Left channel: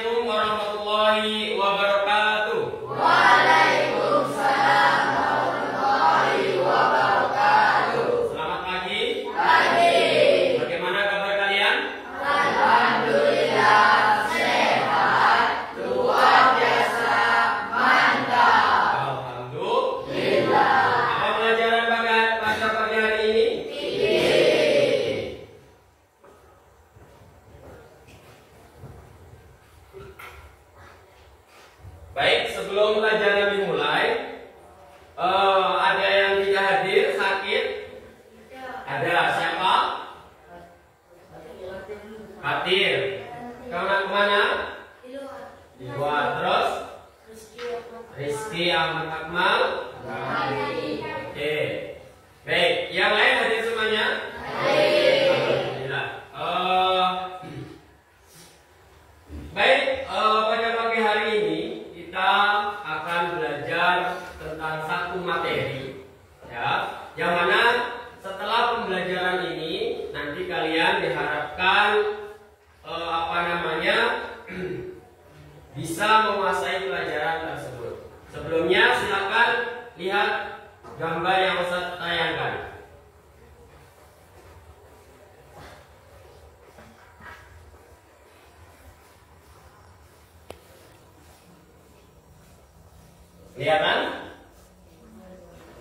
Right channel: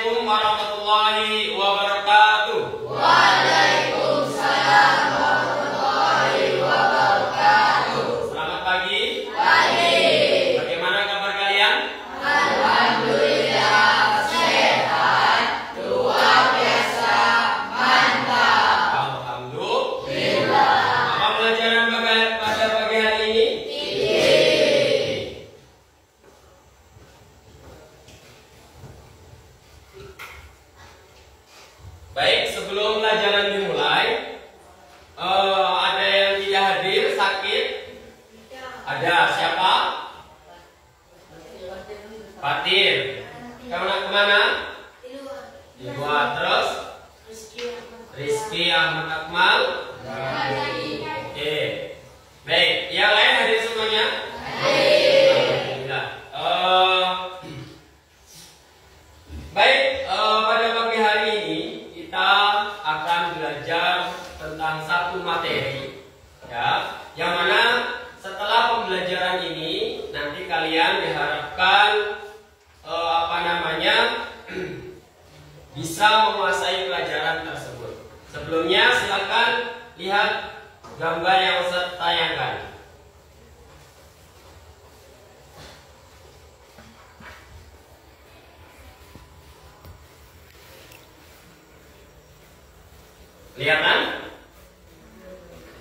Assalamualaikum warahmatullahi wabarakatuh. Waalaikumsalam warahmatullahi wabarakatuh. Selamat pagi. Pagi. Bagaimana kabar kalian? Alhamdulillah sehat, luar biasa, mantap. Alhamdulillah. Apa pelajaran pada pagi hari ini? Baik, sebelum pelajaran dimulai, ada yang tidak hadir, sakit? Ada, siapa? Fatir. Kemana? Di luar. Terus? Rizky Ahmad Akmal. Oke. Baik, yang lain hadir semuanya? Alhamdulillah. Baik, pada pagi hari ini kita akan belajar tentang satu materi, ya, yang mana setelah pembelajaran ini nanti kalian diharapkan bisa menguasai pelajaran tersebut. Sebelumnya silakan lihat gambar yang Ustaz tayangkan. Kelihatan?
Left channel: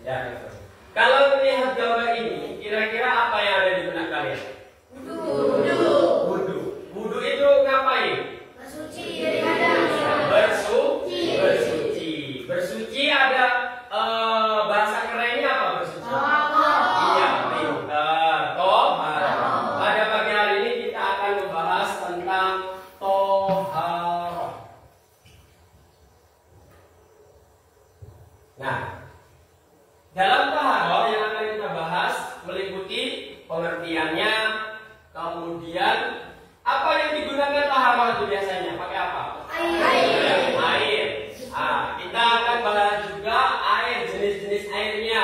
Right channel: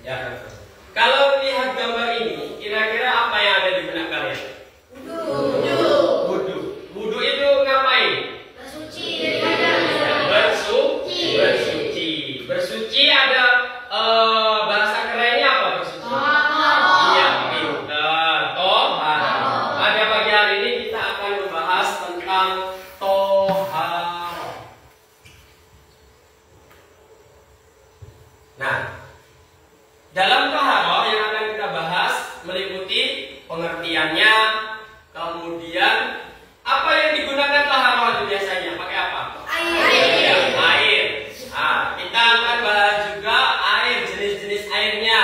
Ya. Kalau lihat gambar ini, kira-kira apa yang ada di benak kalian? Wudu. Wudu itu ngapain? Bersuci. Bersuci ada bahasa kerennya apa bersuci? Iya, pintar. Tohar. Pada pagi hari ini kita akan membahas tentang tohar. Nah, dalam taharah yang akan kita bahas meliputi pengertiannya, kemudian apa yang digunakan taharah itu biasanya pakai apa? Air. Kita akan bahas juga air, jenis-jenis airnya.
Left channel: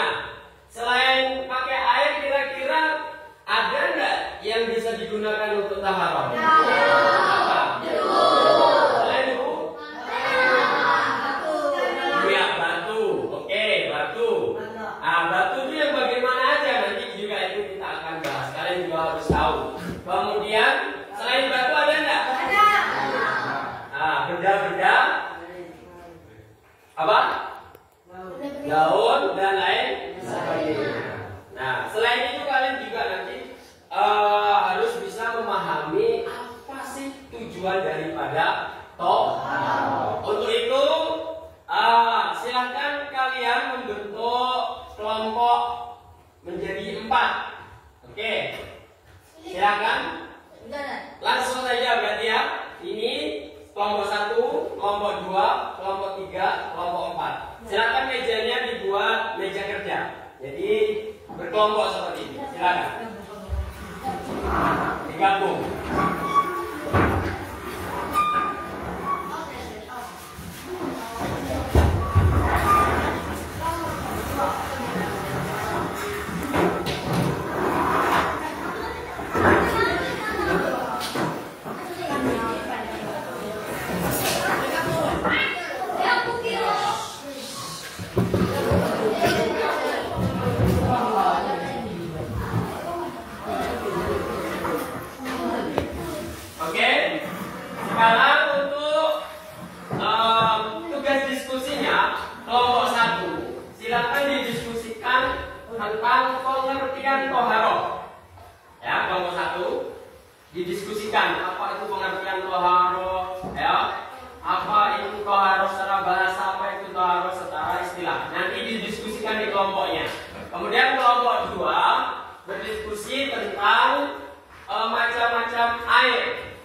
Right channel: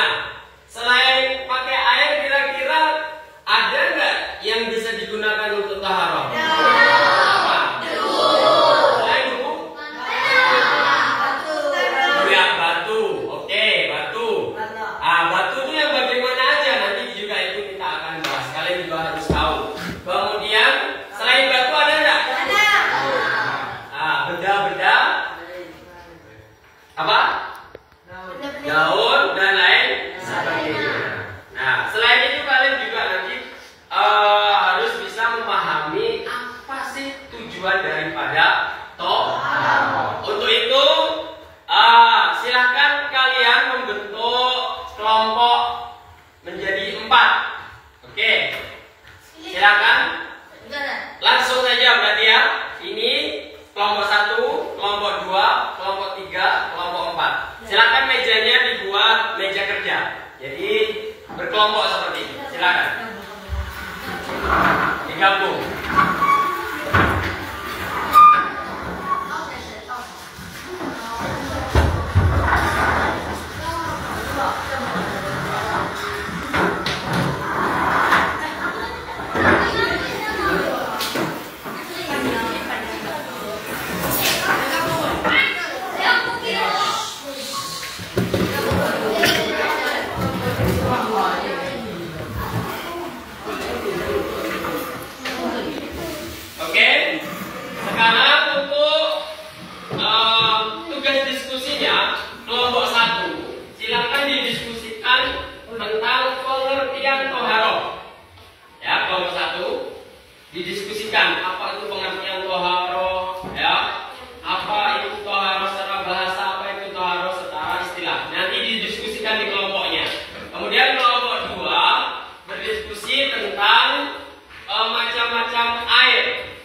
Selain pakai air, kira-kira ada nggak yang bisa digunakan untuk taharah? Apa? Selain itu? Batu. Oke, batu. Batu itu yang bagaimana aja nanti juga itu kita akan bahas. Kalian juga harus tahu. Kemudian selain batu ada enggak? Benda-benda apa? Daun dan lain sebagainya. Nah, selain itu kalian juga nanti harus bisa memahami apa sih tujuan daripada tohar. Untuk itu silahkan kalian membentuk kelompok menjadi 4. Oke, silakan. Langsung saja berarti ya. Ini kelompok 1, kelompok 2, kelompok 3, kelompok 4. Silakan mejanya dibuat meja kerja. Jadi berkelompok seperti ini. Silakan. Digabung. Didiskusikan apa itu pengertian toharo, ya, apa itu toharo secara bahasa, apa itu toharo secara istilah. Nanti didiskusikan di kelompoknya. Kemudian kelompok 2 berdiskusi tentang macam-macam air,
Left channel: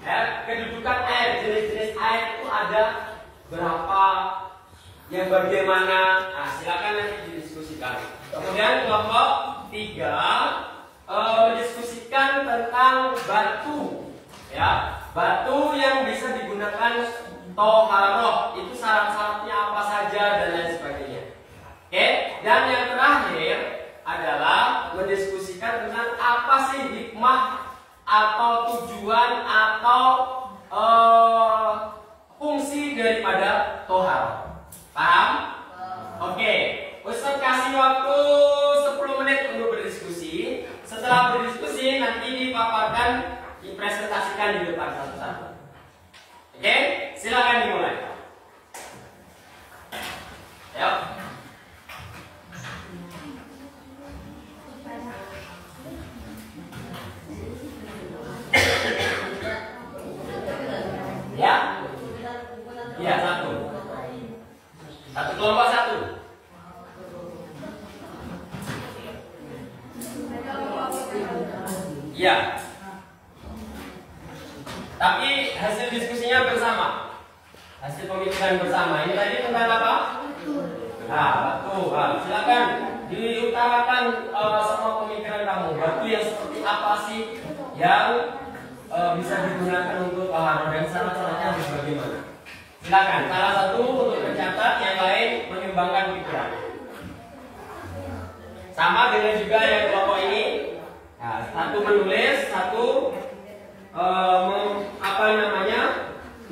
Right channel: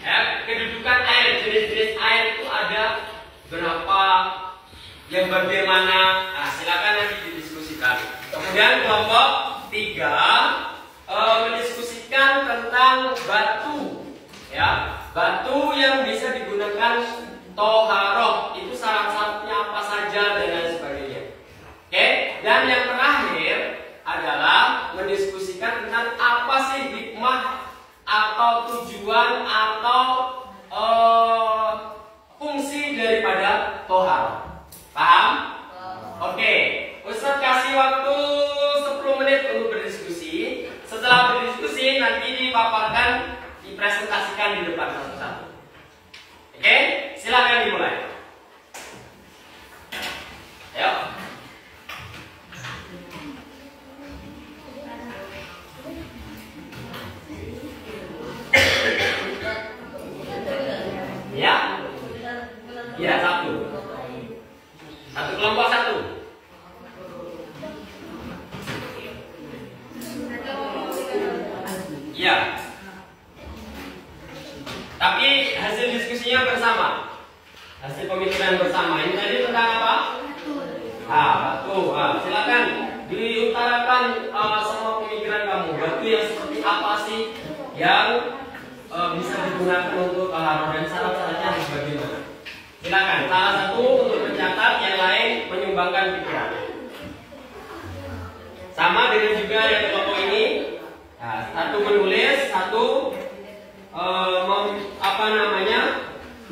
ya, kedudukan air, jenis-jenis air itu ada berapa, yang bagaimana. Silakan nanti didiskusikan. Kemudian kelompok 3 mendiskusikan tentang batu, ya, batu yang bisa digunakan toharoh, itu syarat-syaratnya apa saja dan lain sebagainya. Oke, dan yang terakhir adalah mendiskusikan tentang apa sih hikmah atau tujuan atau Kelompok 1. Ya. Tapi hasil diskusinya bersama. Hasil pemikiran bersama. Ini tadi tentang apa? Batu. Silakan diutarakan semua pemikiran kamu. Batu yang seperti apa sih yang bisa digunakan untuk taharah dan syarat-syaratnya harus bagaimana? Silakan. Salah satu untuk mencatat, yang lain menyumbangkan pikiran. Sama dengan juga yang kelompok ini. Nah, satu menulis, satu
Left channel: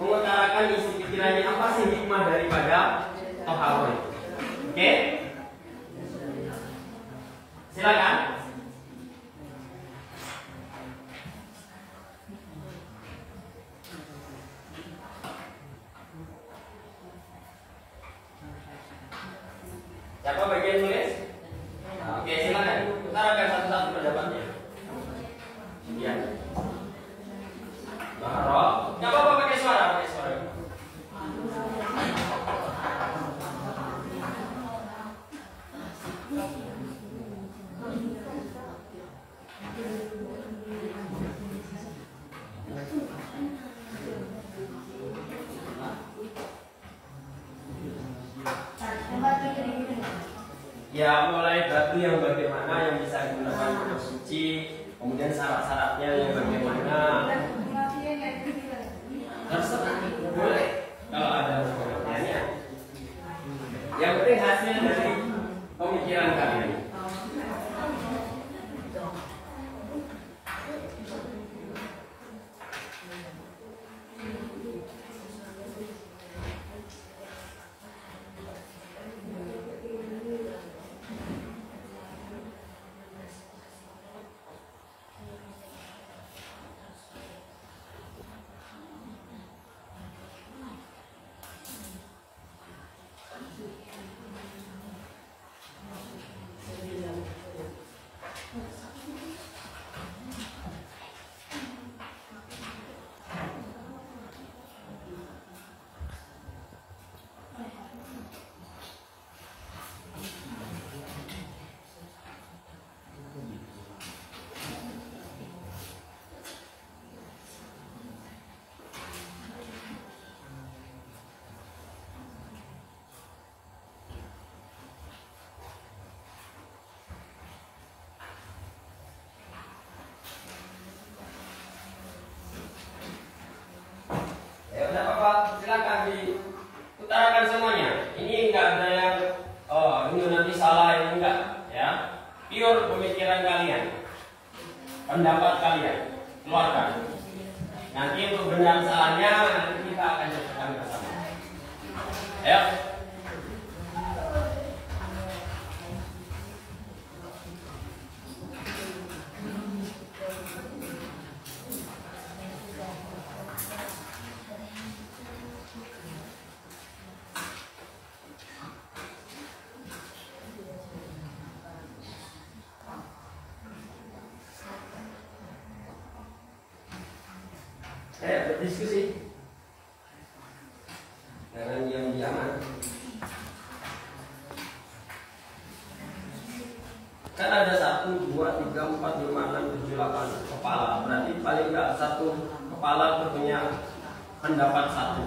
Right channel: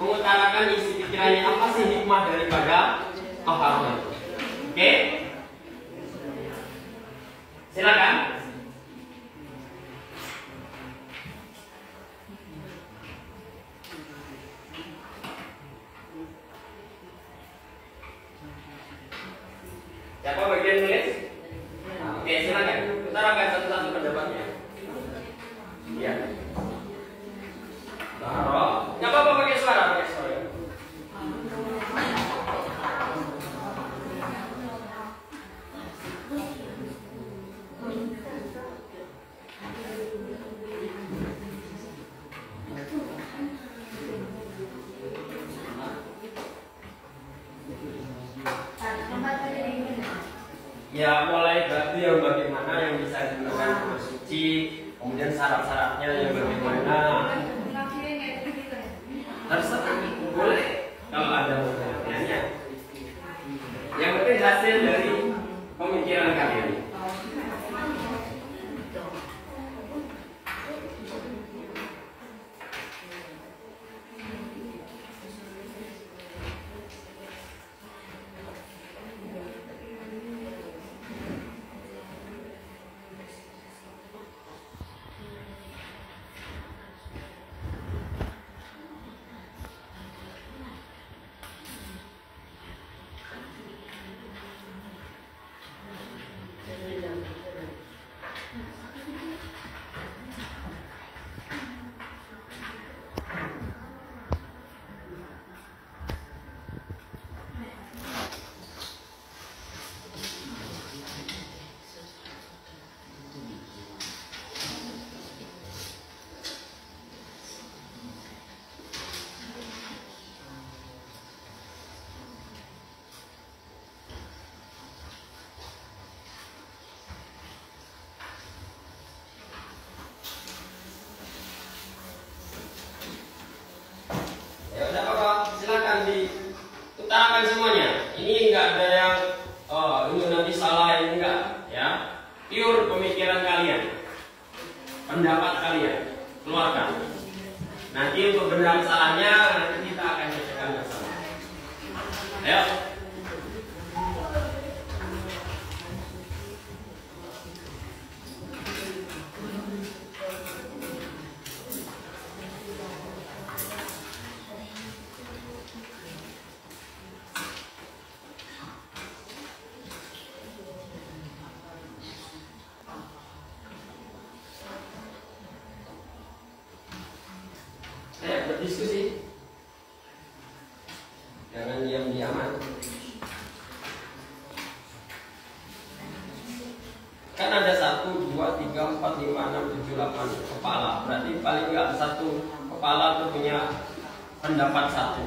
mengutarakan isi pikirannya, apa sih hikmah daripada taharah itu. Oke? Silakan. Siapa bagian nulis? Oke, silakan. Utarakan satu-satu pendapatnya. Iya. Taharah. Enggak apa-apa pakai suara. Ya, mulai batu yang bagaimana yang bisa digunakan untuk suci, kemudian syarat-syaratnya yang bagaimana. Terserah, boleh kalau ada pertanyaannya. Yang penting hasil dari pemikiran kalian. Silakan diutarakan semuanya. Ini enggak ada yang ini nanti salah, ini enggak, ya. Pure pemikiran kalian, pendapat kalian, keluarkan. Nanti untuk benar salahnya nanti kita akan cocokkan bersama. Ayo. Berdiskusi, jangan diam-diaman. Kan ada 1, 2, 3, 4, 5, 6, 7, 8 kepala. Berarti paling enggak satu kepala itu punya pendapat satu.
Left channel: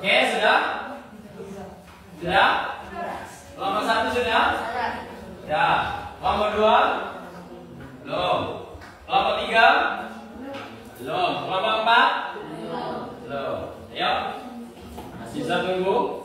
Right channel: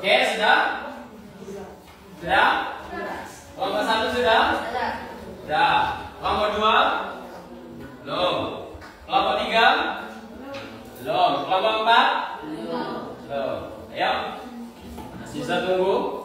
Oke, sudah? Sudah? Kelompok 1 sudah? Sudah. Kelompok 2? Belum. Kelompok 3? Belum. Kelompok 4? Belum. Ayo. Masih bisa tunggu.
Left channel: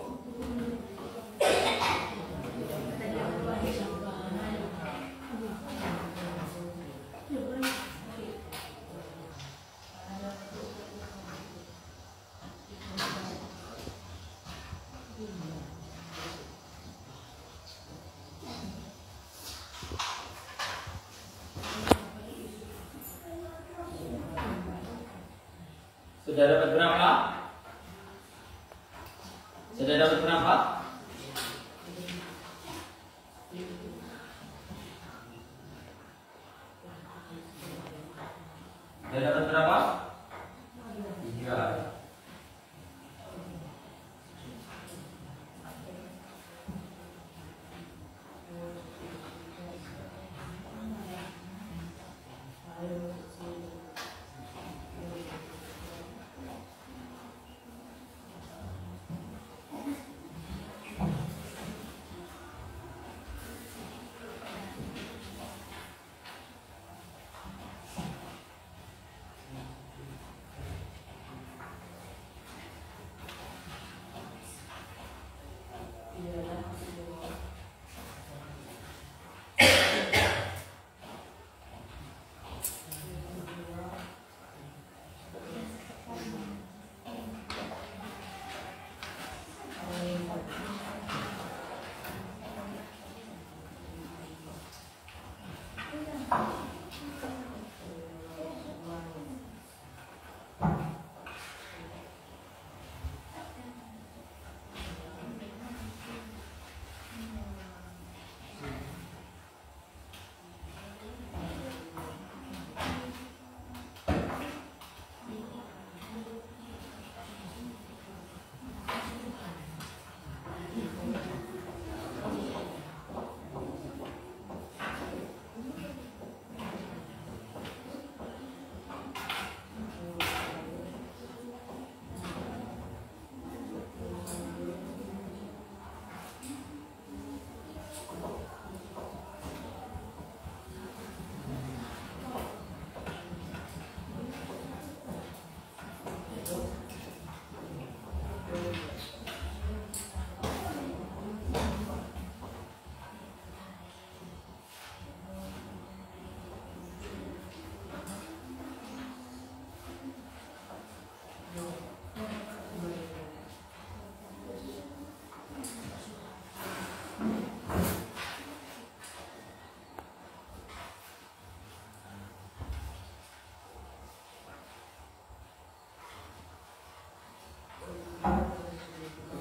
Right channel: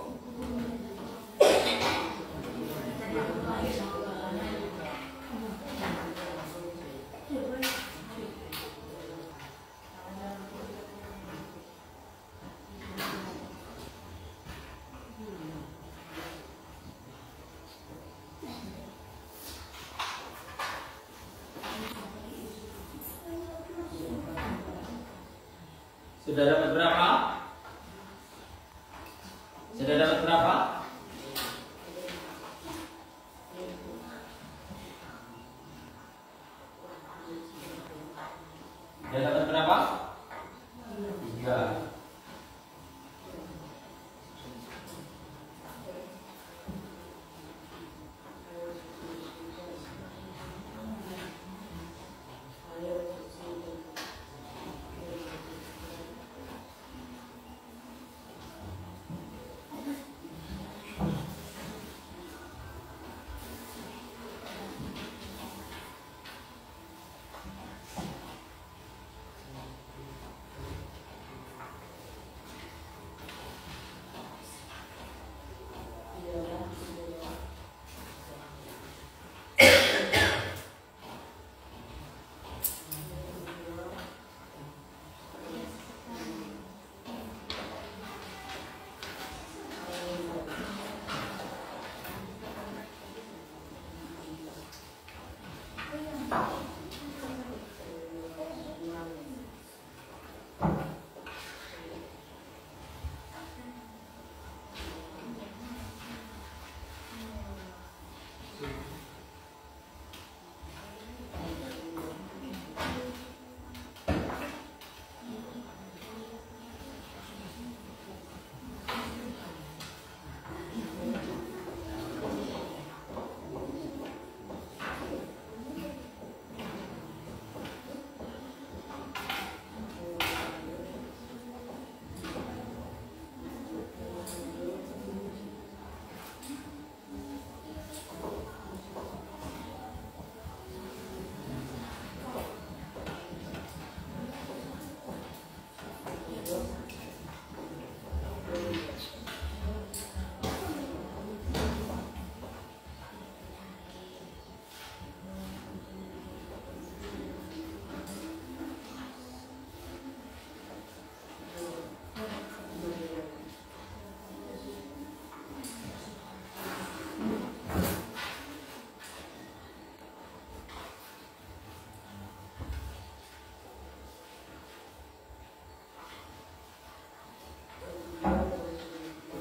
Sudah dapat berapa? Sudah dapat berapa? Sudah dapat berapa? 3.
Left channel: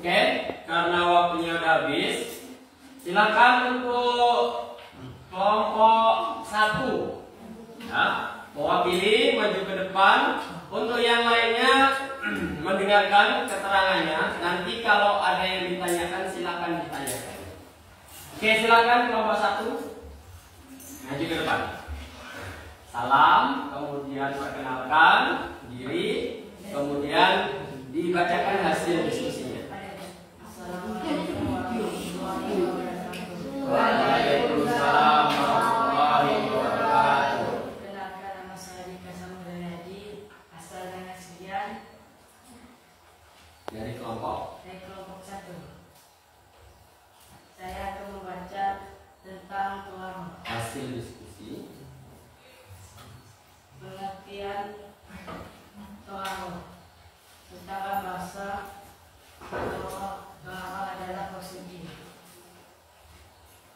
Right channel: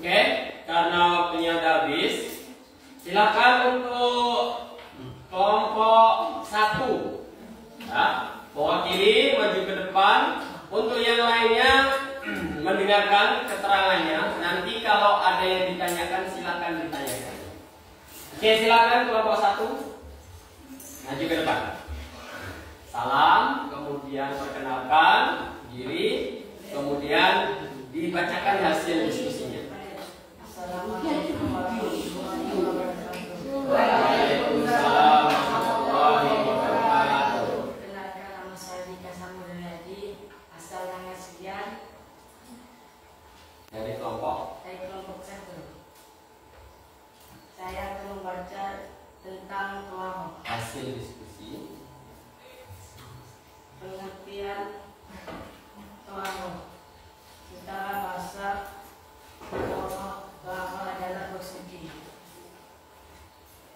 Oke, karena waktunya udah habis, silakan untuk kelompok 1 ya, mewakili maju ke depan. Untuk yang lainnya mendengarkan keterangannya. Nanti kalau ada yang ditanyakan silakan ditanyakan. Oke, silakan kelompok 1 maju ke depan. Salam, kemudian perkenalkan diri, kemudian dibacakan hasil diskusinya. Assalamualaikum warahmatullahi wabarakatuh. Waalaikumsalam warahmatullahi wabarakatuh. Kenalkan, nama saya Rika Samudayadi, asal Langas Sekian, Dari kelompok dari kelompok 1. Saya akan membaca tentang tuang hasil diskusi. pengertian tuang secara bahasa. Tuang adalah bersuci.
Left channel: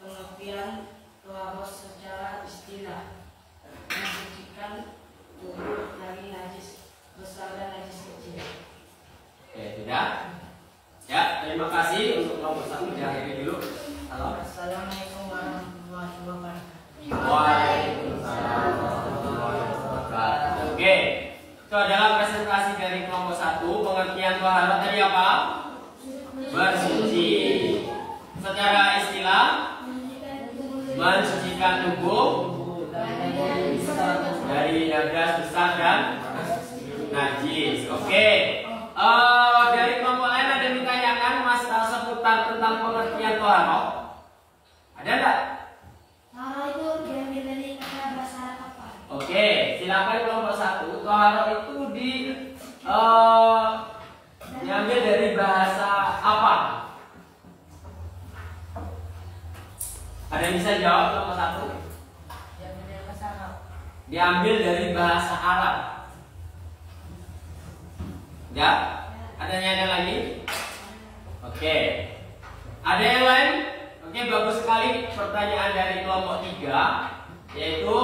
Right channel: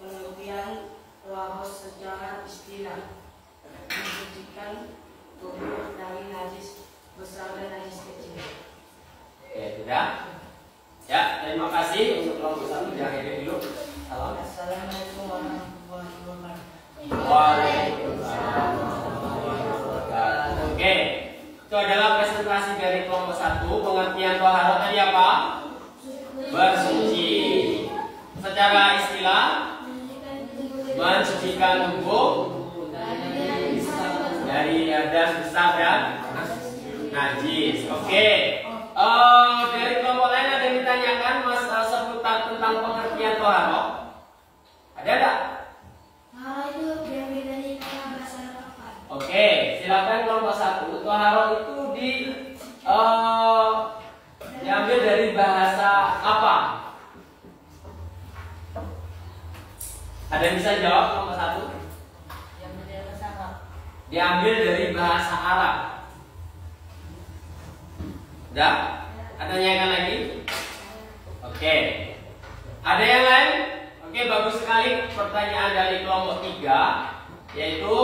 Pengertian tuang secara istilah mensucikan tubuh dari najis besar dan najis kecil. Oke, sudah. Ya, terima kasih untuk kelompok 1 diakhiri dulu. Salam. Assalamualaikum warahmatullahi wabarakatuh. Waalaikumsalam warahmatullahi wabarakatuh. Oke, itu adalah presentasi dari kelompok 1. Pengertian toharoh tadi apa? Bersuci. Secara istilah mensucikan tubuh dari hadas besar dan najis. Oke. Dari kelompok lain ada yang ditanyakan masalah seputar tentang pengertian toharoh? Ada enggak? Toharoh itu diambil dari kata bahasa apa? Oke, silakan kelompok 1. Toharoh itu diambil dari bahasa apa? Ada yang bisa jawab kelompok 1? Diambil dari bahasa Arab. Diambil dari bahasa Arab. Udah? Ada yang lagi? Oke. Ada yang lain? Oke, bagus sekali pertanyaan dari kelompok 3, yaitu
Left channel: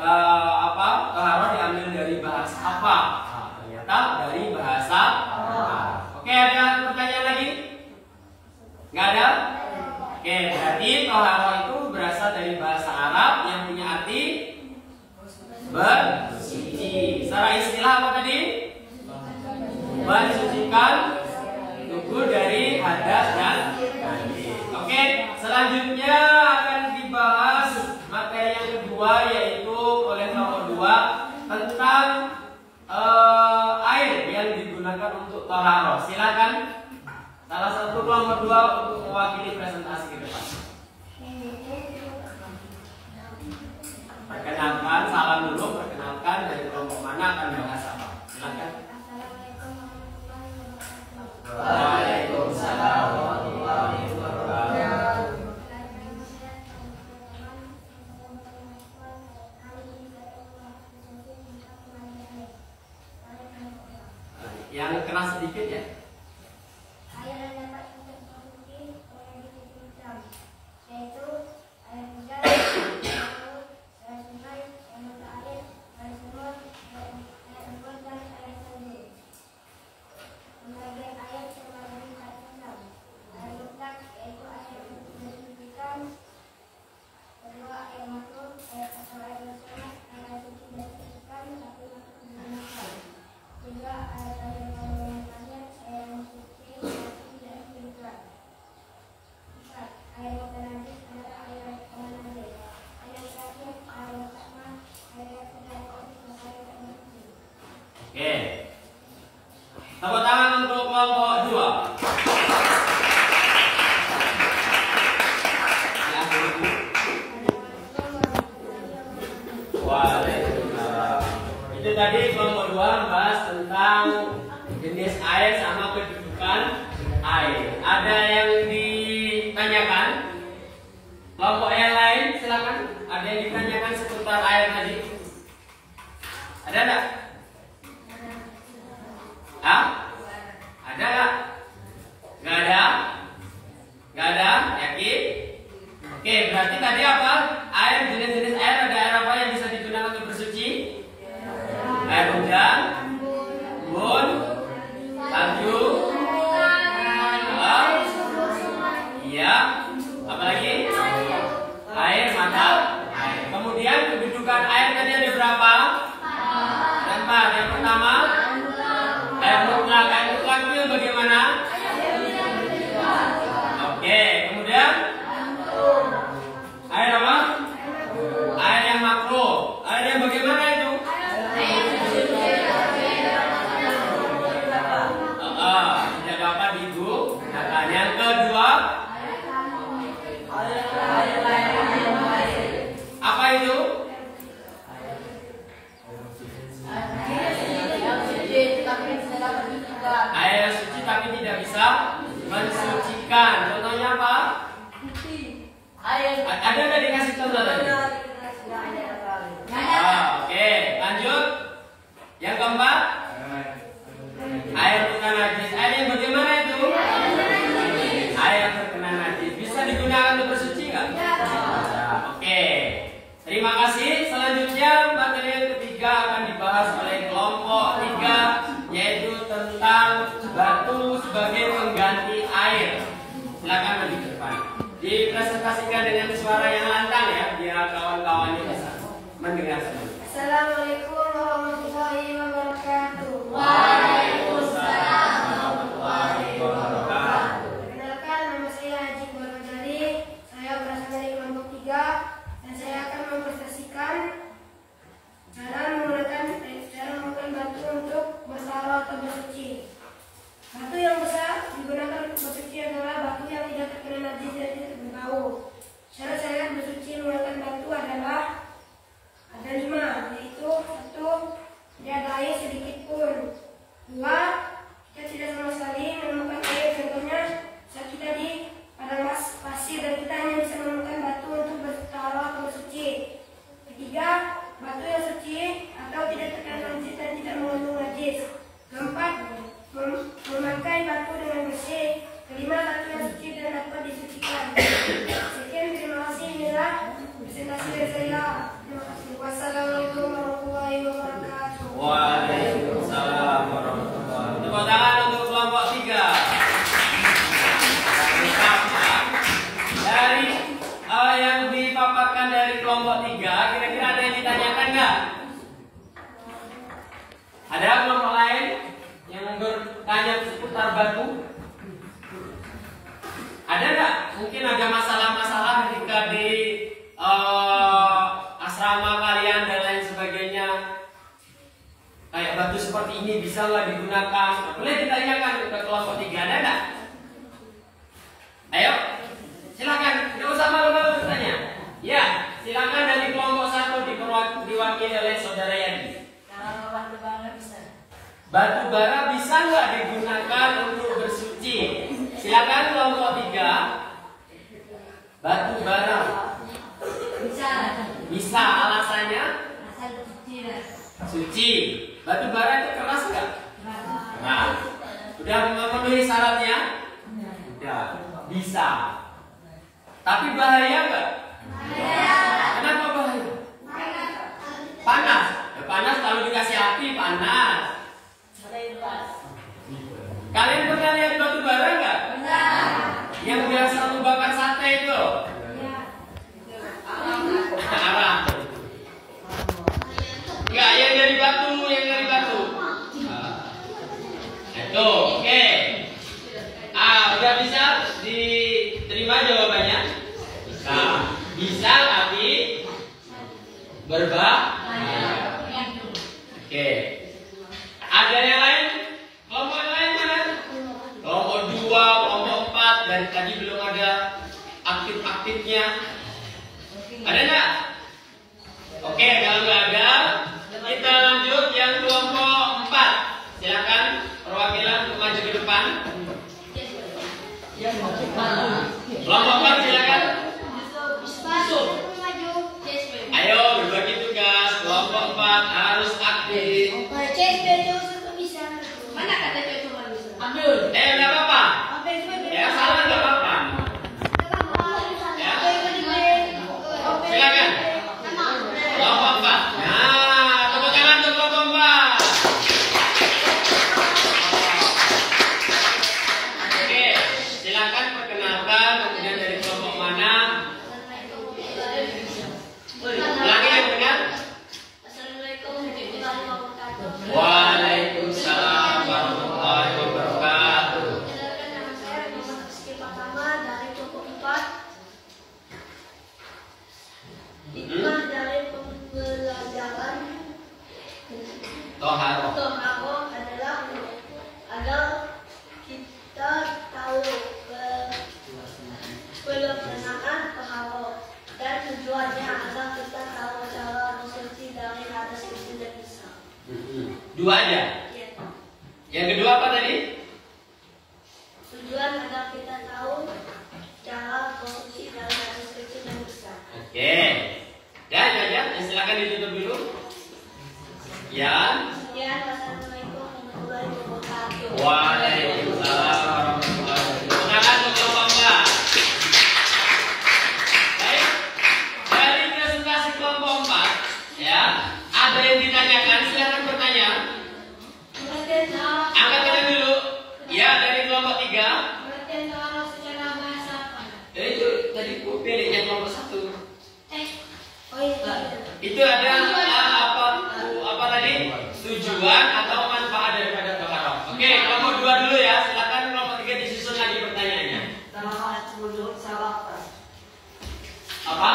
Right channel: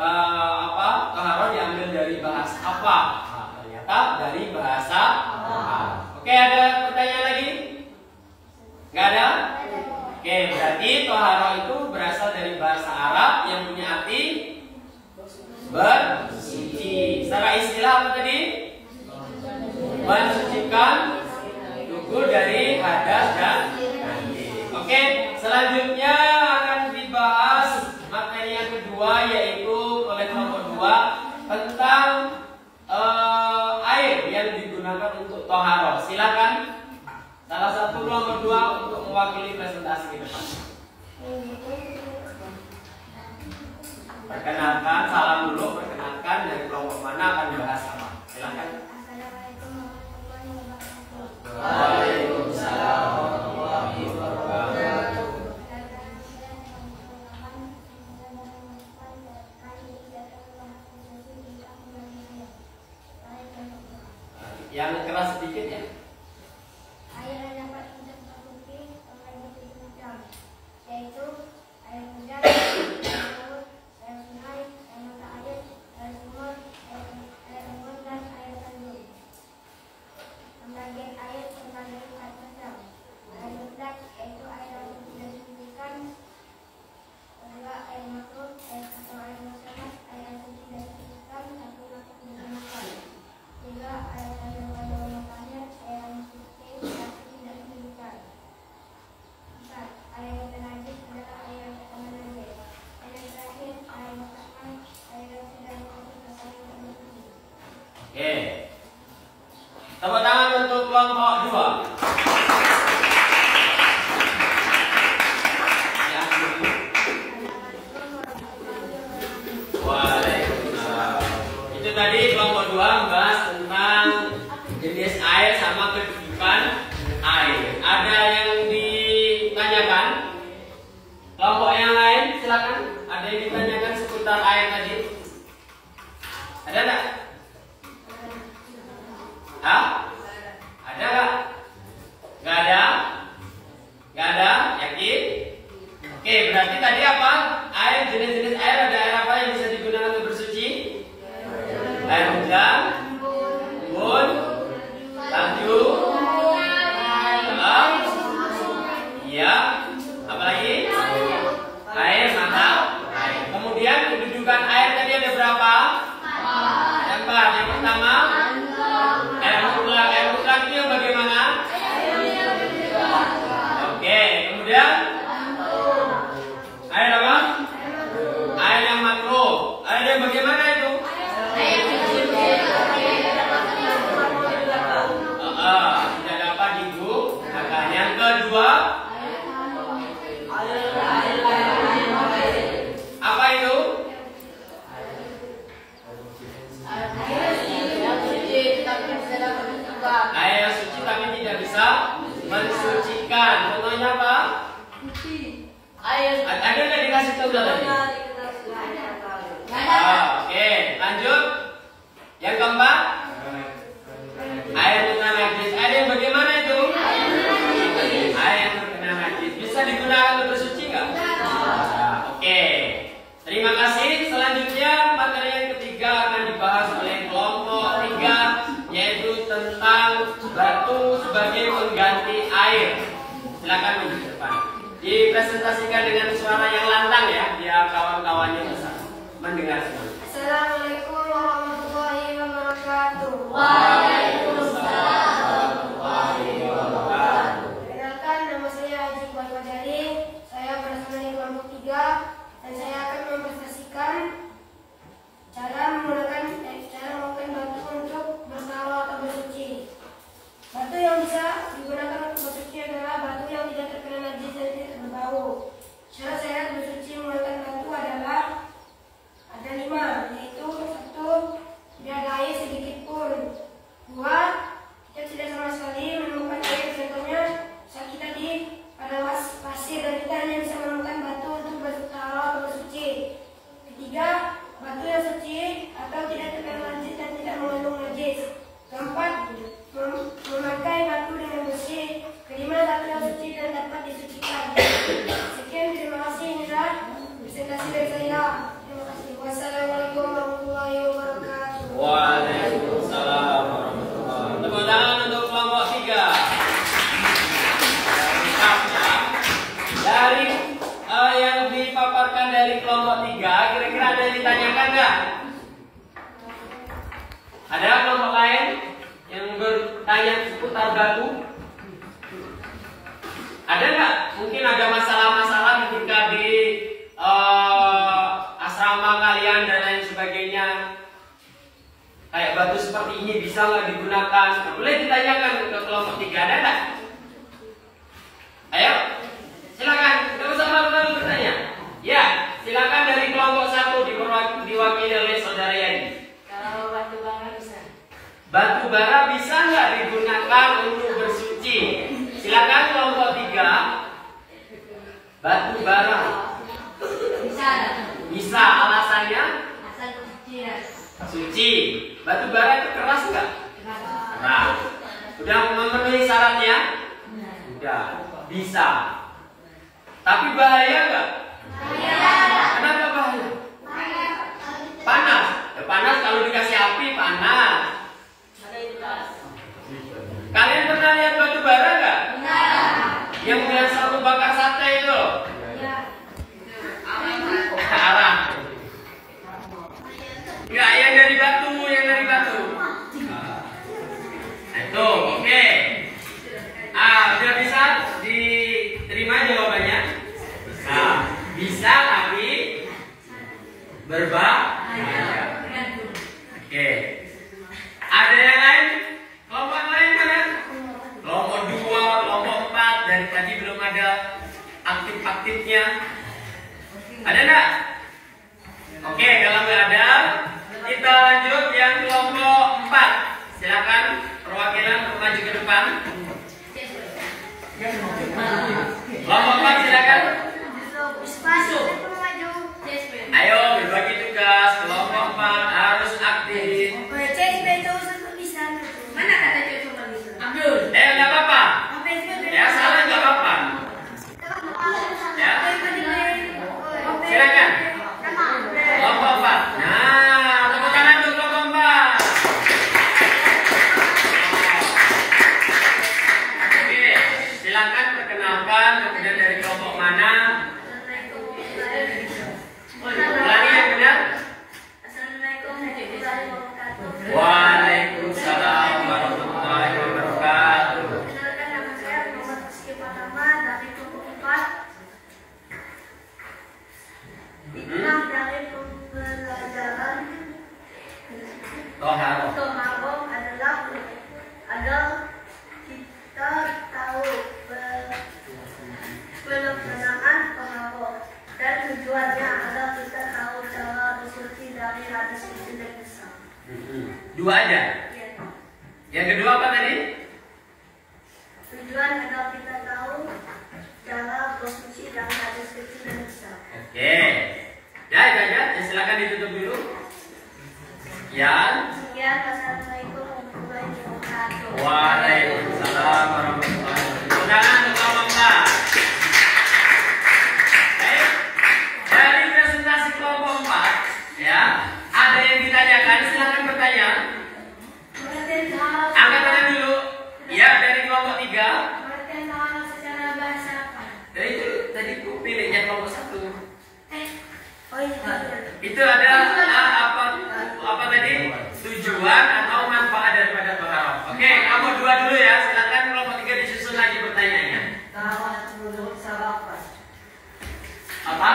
apa? Toharoh diambil dari bahasa apa? Nah, ternyata tetap dari bahasa Arab. Oke, ada pertanyaan lagi? Nggak ada? Oke, berarti toharoh itu berasal dari bahasa Arab yang punya arti bersuci. Secara istilah apa tadi? Mensucikan tubuh dari hadas dan najis. Oke, selanjutnya akan dibahas materi yang kedua, yaitu oleh kelompok 2 tentang air yang digunakan untuk toharoh. Silakan salah satu kelompok 2 untuk mewakili presentasi ke depan. Perkenalkan, salam dulu. Perkenalkan dari kelompok mana, akan bahas apa? Silakan. Assalamualaikum warahmatullahi wabarakatuh. Waalaikumsalam warahmatullahi wabarakatuh. Yang keras sedikit ya. Air yang dapat kita konsumsi memiliki 7 macam, yaitu air hujan, air laut, air sungai, air mata air, air sumur, air embun, dan air tanjung. Pembagian air terbagi 4 macam. Air mutlak, yaitu air yang tidak disucikan. Kedua, air makruh, atau air nasional, air yang suci dan disucikan tapi masih digunakan. Tiga, air kandungan yang banyak, air yang suci tapi tidak disucikan. 4, air yang najis adalah air yang najis. Dan yang terakhir, air mutlakan, air yang sudah dikopi atau air yang bersih. Oke. Tepuk tangan untuk kelompok 2. Waalaikumsalam. Itu tadi kelompok 2 membahas tentang jenis air sama kedudukan air. Ada yang ditanyakan? Kelompok yang lain silakan. Ada yang ditanyakan seputar air tadi? Ada enggak? Hah? Ada enggak? Enggak ada? Enggak ada? Yakin? Oke, berarti tadi apa? Air, jenis-jenis air, ada air apa yang bisa digunakan untuk bersuci? Air hujan, embun, salju, iya, apa lagi? Air mata air. Kemudian kedudukan air tadi ada berapa? Ada 4. Yang pertama, air mutlak. Air mutlak itu yang bagaimana? Oke, kemudian air apa? Air yang makruh. Air yang bagaimana itu? Tidak dapat digunakan. Yang kedua, apa itu? Air yang suci tapi tidak bisa mensucikan. Contohnya apa? Ada nggak dikasih contoh tadi? Oke, lanjut. Yang keempat, air terkena najis. Air yang bagaimana itu? Air yang terkena najis. Bisa digunakan untuk bersuci nggak? Oke. Terima kasih. Selanjutnya materi yang ketiga akan dibahas oleh kelompok 3, yaitu tentang batu sebagai pengganti air. Silakan maju ke depan. Dipresentasikan dengan suara yang lantang ya, biar kawan-kawannya bisa mendengar semua. Assalamualaikum warahmatullahi wabarakatuh. Waalaikumsalam warahmatullahi wabarakatuh. Perkenalkan, nama saya Haji Iqbal Fajali. Saya berasal dari kelompok 3 dan saya akan mempresentasikan cara menggunakan batu untuk bertaruh atau bersuci. Batu yang bisa digunakan untuk bersuci adalah batu yang tidak terkena najis dan tidak berbau. Syarat-syarat bersuci menggunakan batu adalah ada 5, yaitu 1, tidak ada air sedikit pun. 2, kita tidak sama sekali menemukan air. Contohnya saat kita di padang pasir dan kita hanya bisa menemukan batu untuk bertaruh atau bersuci. 3, batu yang suci atau tidak terkena najis dan tidak mengandung najis. 4, memakai batu dengan bersih. 5, batu yang suci dan dapat disucikan. Sekian, terima kasih. Inilah presentasi dari saya. Terima kasih. Wassalamualaikum warahmatullahi wabarakatuh. Waalaikumsalam. yang ditanyakan nggak? Ada kelompok lain yang bertanya seputar batu? Ada nggak? Mungkin ada masalah-masalah ketika di asrama kalian dan lain sebagainya. Kayak batu seperti ini bisa nggak digunakan? Boleh ditanyakan ke kelompok 3, ada nggak? Ayo, silakan. Tidak usah malu-malu bertanya. Ya, silakan dari kelompok 1 diwakili oleh saudara Yadi. Kalau batu bara bisa. Batu bara bisa nggak digunakan untuk bersuci? Silakan kelompok 3. Batu bara Bisa. bisa, alasannya Asal bersuci. suci. Batu bara itu keras nggak? Keras. Keras. Sudah memenuhi syaratnya? Sudah. Bisa. Tapi bahaya nggak? Kenapa bahaya? Panas. Ya panas kalau dikasih api panas. Ada itu keras. Kalian pernah lihat batu bara nggak? Yang biasa untuk bakar sate itu? Arang. Enggak, yang dari batu, Itu, oke. Udah bisa diterima jawabannya? Bisa tapi berbahaya. Oke. Ada yang lain? Kelompok yang lain mana? Kelompok 2, kelompok 4. Dari tadi belum ada aktif-aktifnya. Ada enggak? Oke, kalau nggak ada, kita lanjut yang kelompok 4. Silakan perwakilan untuk maju ke depan. Kelompok 4 silakan. Ayo berbagi tugas. Kelompok 4 harus aktif. Mana kata cuma bisa? Abdul. Nggak apa-apa. Ya salah nggak apa-apa. Ya. Silakan. Kelompok 4. Nah, tepuk tangan untuk kelompok 4. Oke, silakan perkenalkan kemudian dari kelompok mana. Ulangi yang benar. Waalaikumsalam warahmatullahi wabarakatuh. Kenalkan nama saya Muhammad Rizky Pratama dari kelompok 4. Hikmah dari pembelajaran Toharo. Toharo adalah agar kita tahu pelaksanaan Toharo dan tujuannya agar kita tahu cara bersuci dari hadas kecil dan besar. Dua aja. Ya. Yang kedua apa tadi? Tujuan agar kita tahu cara bersuci dari hadas kecil dan besar. Oke. Ya, silakan ditutup dulu. Ya. Sekian, wassalamualaikum warahmatullahi wabarakatuh. Waalaikumsalam warahmatullahi wabarakatuh. Tangan untuk kelompok 4. Baik. Dari presentasi kelompok 4, ya, ada yang ditanyakan, silakan bertanya. Angkat tangan dulu. Ya, dari kelompok 3. Pengertian Toharo secara bahasa apa? Itu tadi ku pilihnya kelompok 1. Oh iya. Itu ada apa tadi? Tujuan atau manfaat daripada toharo. Oke, kelompok 2 dulu ya. Silakan kelompok 3 disusun lagi pertanyaannya. Menurut syarat. Apa?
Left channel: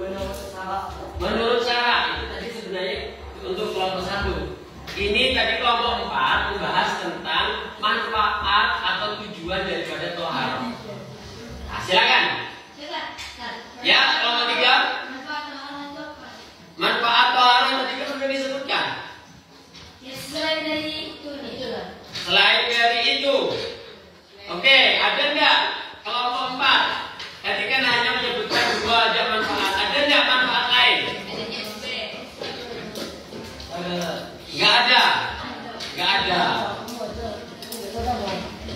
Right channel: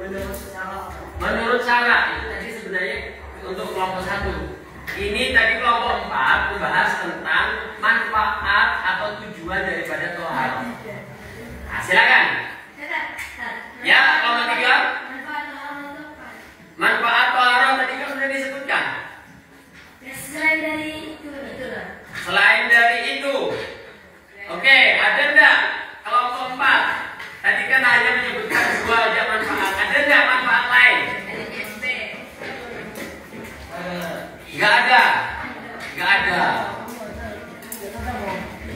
Menurut syarat. Menurut cara itu tadi sebenarnya untuk kelompok 1. Ini tadi kelompok 4 membahas tentang manfaat atau tujuan daripada toharo. Nah, silakan. Ya, kelompok 3. Manfaat Toharo itu apa? Manfaat toharo tadi kan sudah disebutkan. Ya, selain dari itu nih. Selain dari itu, oke, ada enggak kelompok 4? Tadi kan hanya menyebutkan 2 aja manfaat. Ada enggak manfaat lain? Ada CSP. Enggak ada. Enggak ada.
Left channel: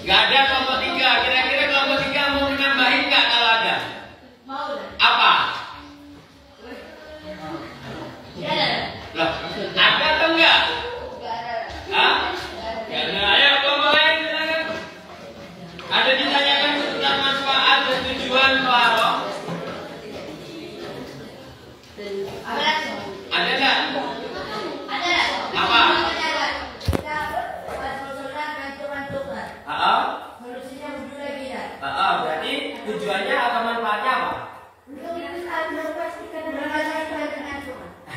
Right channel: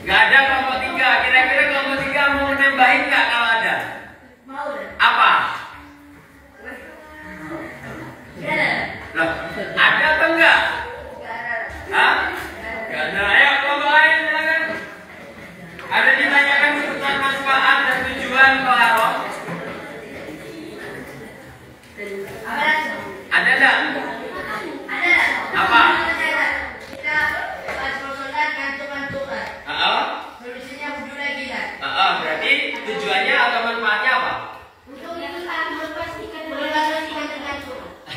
Enggak ada kelompok 3. Kira-kira kelompok 3 mau menambahin enggak kalau ada?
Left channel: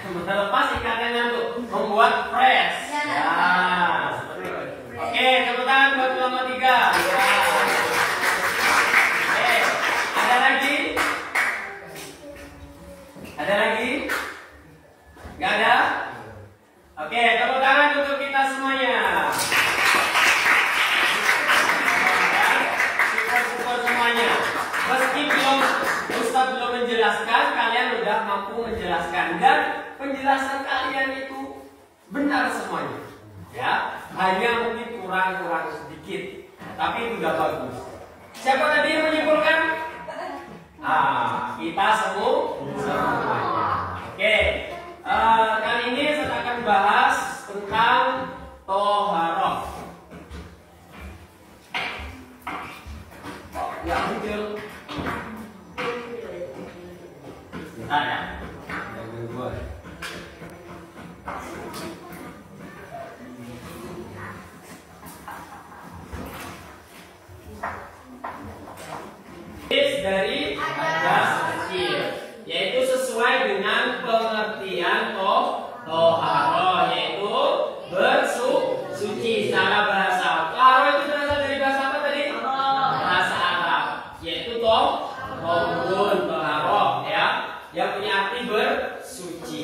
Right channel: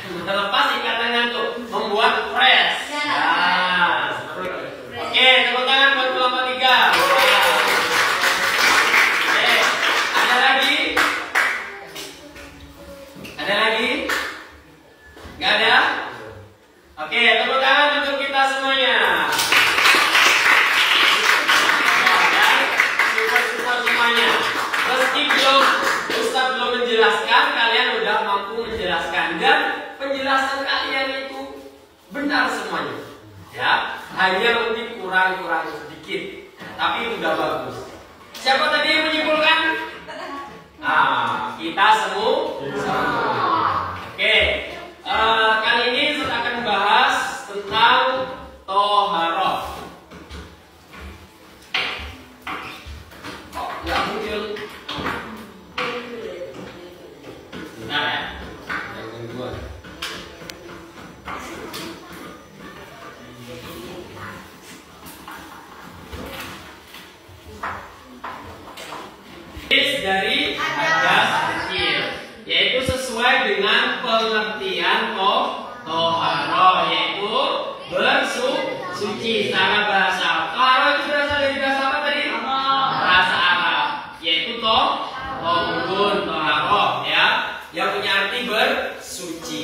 Melepas ikatannya untuk membuat fresh. Nah, seperti itu. Oke, tepuk tangan buat kelompok 3. Oke, ada lagi? Ada lagi? Gak ada? Oke, tepuk tangan untuk kita semuanya. Support semuanya. Meski Ustaz belum menjelaskan, kalian udah mampu menjelaskan dan penjelasan kalian itu benar semuanya. Ya, hanya mungkin kurang sedikit, tapi itu udah bagus. Siapa tadi yang menyimpulkan? Kita semua. Oke, kali ini saya akan bahas tentang toharoh. Oh, nggak muncul. Bentar ya, yang gangguan. Dari hadas kecil, yaitu sesuai dengan pengertian toharoh, yaitu bersuci secara bahasa. Toharoh itu berasal dari bahasa apa tadi? Bahasa Arab, yaitu tohurun, toharoh, ya, yang punya arti bersuci.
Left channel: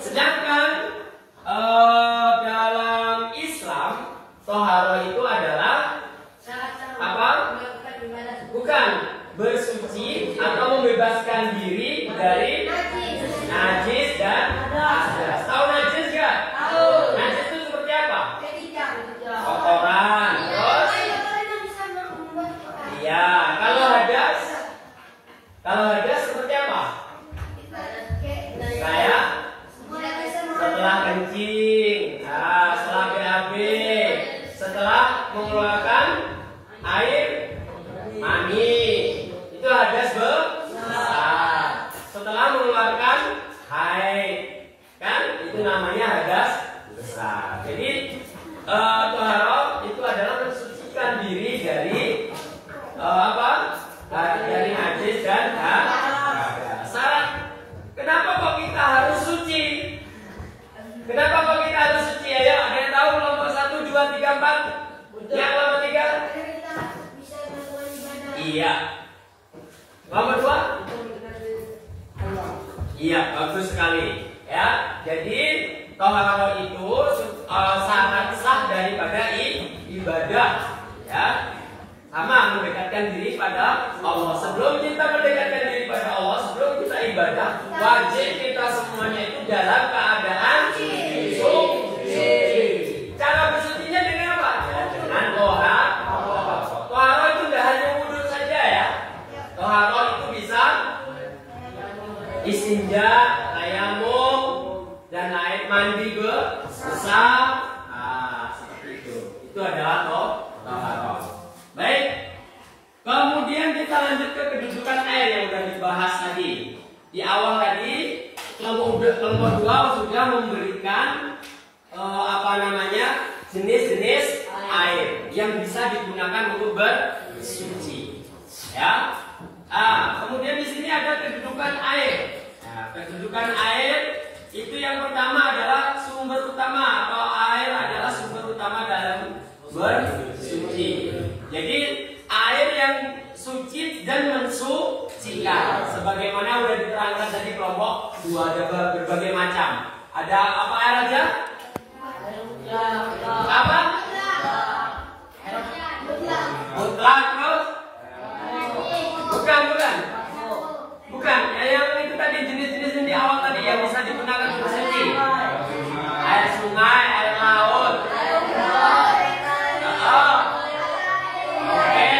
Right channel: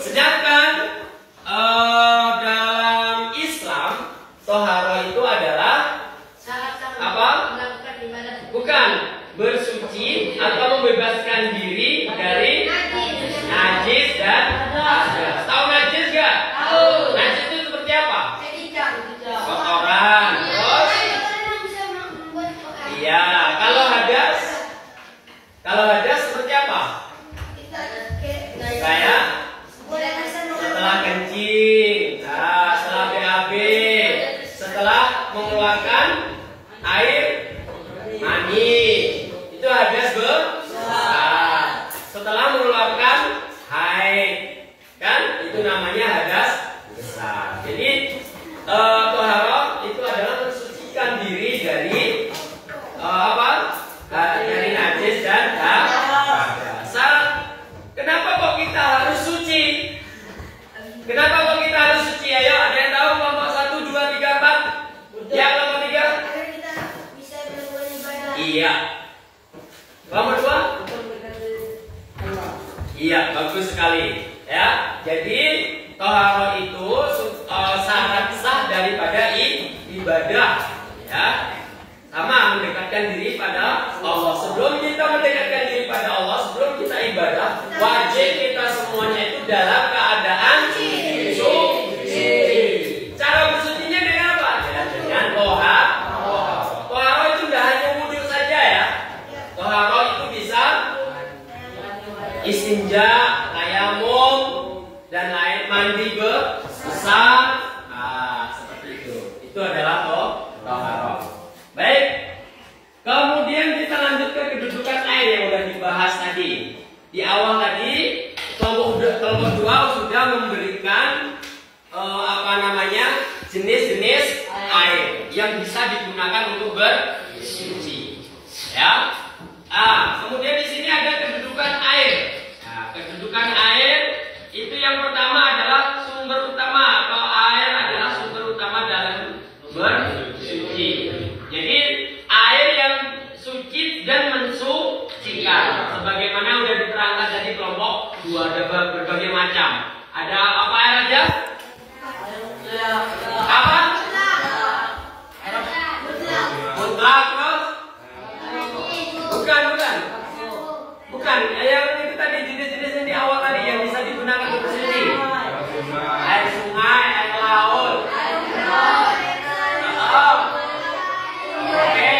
Sedangkan dalam Islam, toharoh itu adalah apa? Bukan bersuci atau membebaskan diri dari najis dan hadas. Tahu najis gak? Najis itu seperti apa? Kotoran. Terus? Iya. Kalau hadas seperti apa? Kayak setelah kencing, setelah BAB, setelah mengeluarkan air mani, itu hadas besar. Setelah mengeluarkan haid, kan itu namanya hadas besar. Jadi toharoh itu adalah mensucikan diri dari dari najis dan hadas. Kenapa kok kita harus suci? Kenapa kok kita harus suci? Ayo, ada yang tahu kelompok 1, 2, 3, 4? Ya, kelompok 3. Iya. Kelompok 2? Iya, bagus sekali. Ya, jadi toharoh itu syarat sah daripada ibadah. Ya, sama mendekatkan diri pada Allah. Sebelum kita mendekatkan diri pada Allah, sebelum kita ibadah, wajib kita semuanya itu dalam keadaan suci. Cara bersucinya dengan apa? Ya, dengan toharoh. Toharoh itu tidak hanya wudhu saja ya. Toharoh itu bisa istinja, tayamum, dan lain, mandi besar. Seperti itu. Itu adalah toharoh. Baik. Kemudian kita lanjut ke kedudukan air yang sudah dibahas tadi. Di awal tadi kelompok 2 sudah memberikan jenis-jenis air yang bisa digunakan untuk bersuci. Ya. Kemudian di sini ada kedudukan air. Nah, kedudukan air itu yang pertama adalah sumber utama, atau air adalah sumber utama dalam bersuci. Jadi air yang suci dan mensucikan, sebagaimana sudah diterangkan tadi kelompok 2, ada berbagai macam. Ada apa air aja? Apa? Mutlak, terus? Bukan. Yang itu tadi jenis-jenis yang di awal tadi yang bisa digunakan untuk bersuci. Air sungai, air laut. Oke.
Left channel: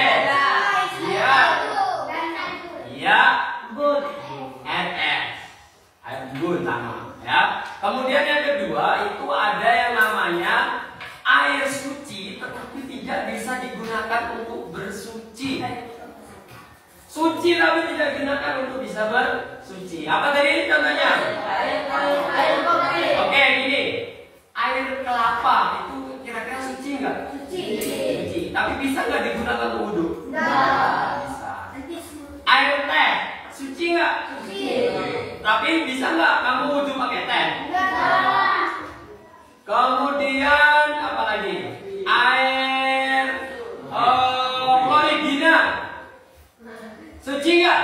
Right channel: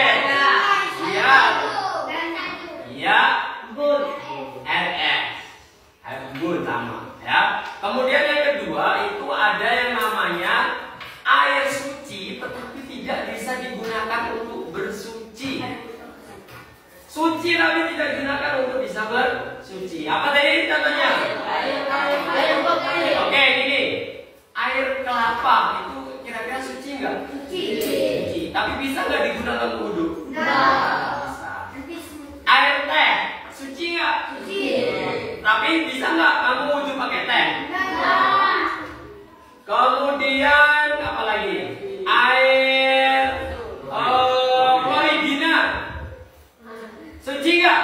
Iya. RS. Air embun sama, ya. Kemudian yang kedua itu ada yang namanya air suci, tetapi tidak bisa digunakan untuk bersuci. Suci tapi tidak digunakan untuk bisa bersuci. Apa tadi contohnya? Oke, gini. Air kelapa itu kira-kira suci nggak? Suci. Tapi bisa nggak digunakan untuk wudhu? Bisa. Air teh suci nggak? Tapi bisa nggak kamu wudhu pakai teh? Kemudian apa lagi? Air Floridina. Suci nggak?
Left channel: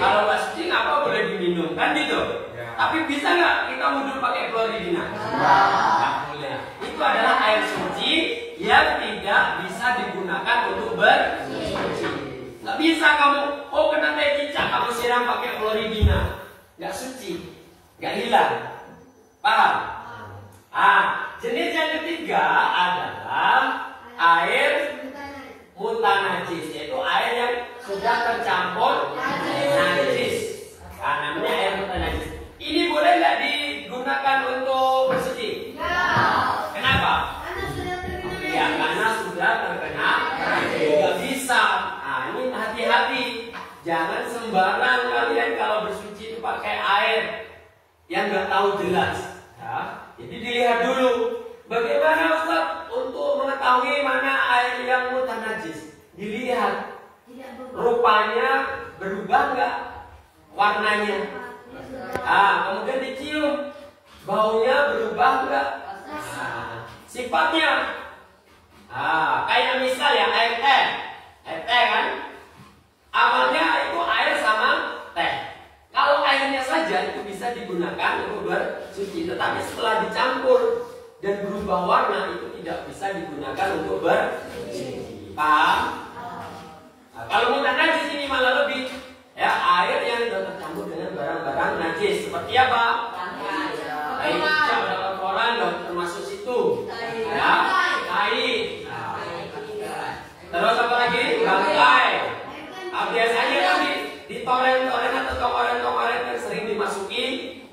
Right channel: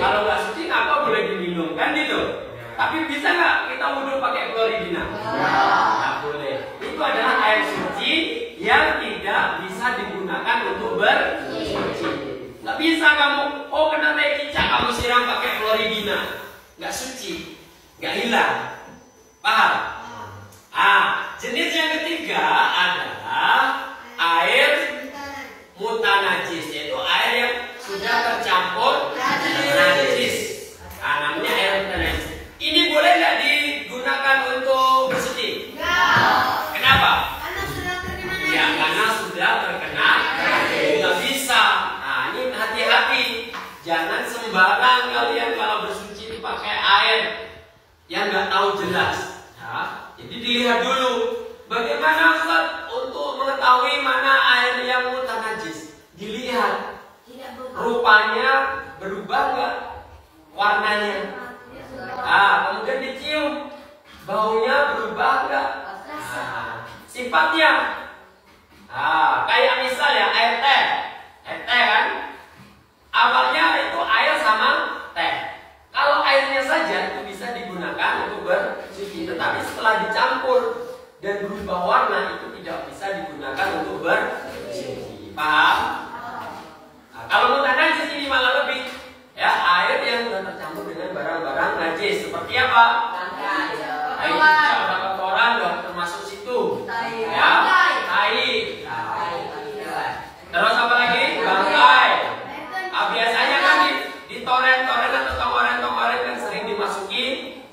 Kalau nggak suci ngapa boleh diminum kan gitu? Tapi bisa nggak kita wudhu pakai Floridina? Nggak boleh. Itu adalah air suci yang tidak bisa digunakan untuk bersuci. Nggak bisa kamu, kena teh cicak kamu siram pakai Floridina, nggak suci, nggak hilang. Paham? Jenis yang ketiga adalah air mutanajis, yaitu air yang sudah tercampur najis. Namanya air mutanajis. Ini boleh nggak digunakan untuk bersuci? Kenapa? Ya, karena sudah terkena. Nggak bisa. Ini hati-hati. Jangan sembarang kalian kalau bersuci itu pakai air yang nggak tahu jelas. Jadi dilihat dulu. Bagaimana Ustaz untuk mengetahui mana air yang mutanajis? Dilihat. Rupanya berubah nggak warnanya? Kemudian dicium. Baunya berubah nggak? Sifatnya. Kayak misal ya air teh. Air teh kan? Awalnya itu air sama teh. Kalau airnya saja itu bisa digunakan untuk bersuci, tetapi setelah dicampur dan berubah warna itu tidak bisa digunakan untuk bersuci. Paham? Kalau mutanajis ini malah lebih ya, air yang sudah tercampur dengan barang-barang najis. Seperti apa? Air cicak atau kotoran loh, termasuk situ. Ya, tai. Terus apa lagi? Bangkai. Biasanya kan di toren-toren atau tonggoren-tonggoren kan sering dimasukin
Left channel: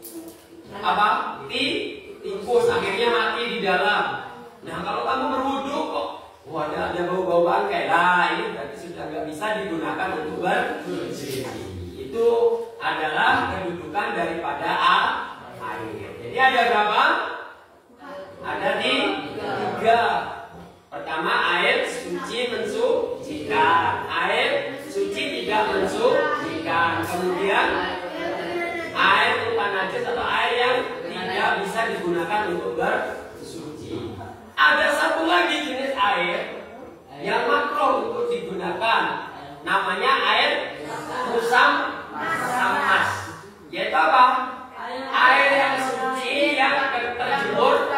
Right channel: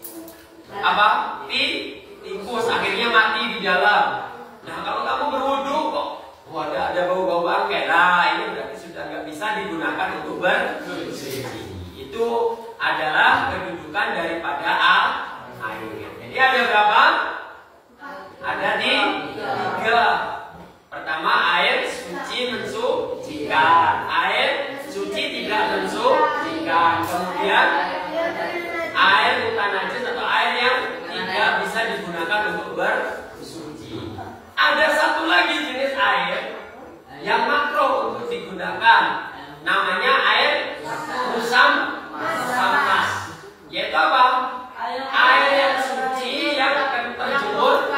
apa? Tikus, akhirnya mati di dalam. Nah, kalau kamu berwudu kok ada bau-bau bangkai. Ini berarti sudah nggak bisa digunakan untuk bersuci. Itu adalah kedudukan daripada air. Jadi ada berapa? Ada tiga. Pertama, air suci mensucikan. Air suci tidak mensucikan. Kemudian air mutanajis atau air yang tidak bisa digunakan untuk bersuci. Ada satu lagi jenis air yang makruh untuk digunakan. Namanya air musammas. Yaitu apa? Air yang suci yang terjemur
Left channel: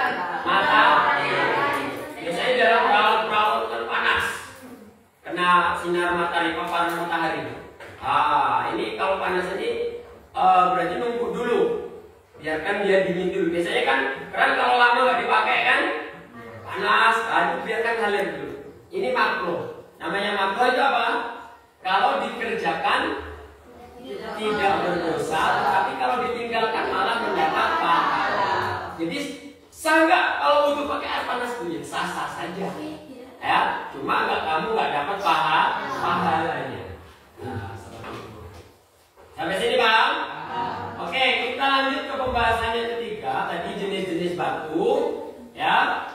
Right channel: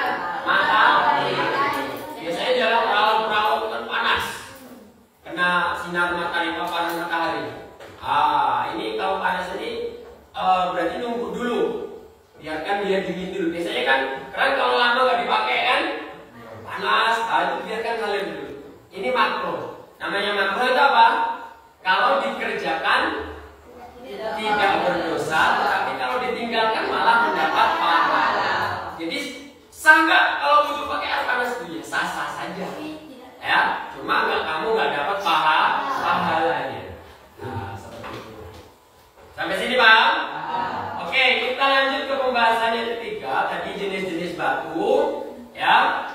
matahari. Biasanya dalam perahu kan panas, kena sinar matahari, paparan matahari. Ini kalau panas ini berarti nunggu dulu, biarkan dia dingin dulu. Biasanya kan keran kalau lama nggak dipakai kan panas, biarkan ngalir dulu. Ini makruh. Namanya makruh itu apa? Kalau dikerjakan tidak berdosa, tapi kalau ditinggalkan malah mendapat pahala. Jadi sah nggak kalau wudhu pakai air panas itu? Ya sah-sah saja. Ya, cuma kamu nggak dapat pahalanya. Seperti itu. Sampai sini Pak? Oke, kita lanjut ke pembahasan yang ketiga. Tadi jenis-jenis batu, ya.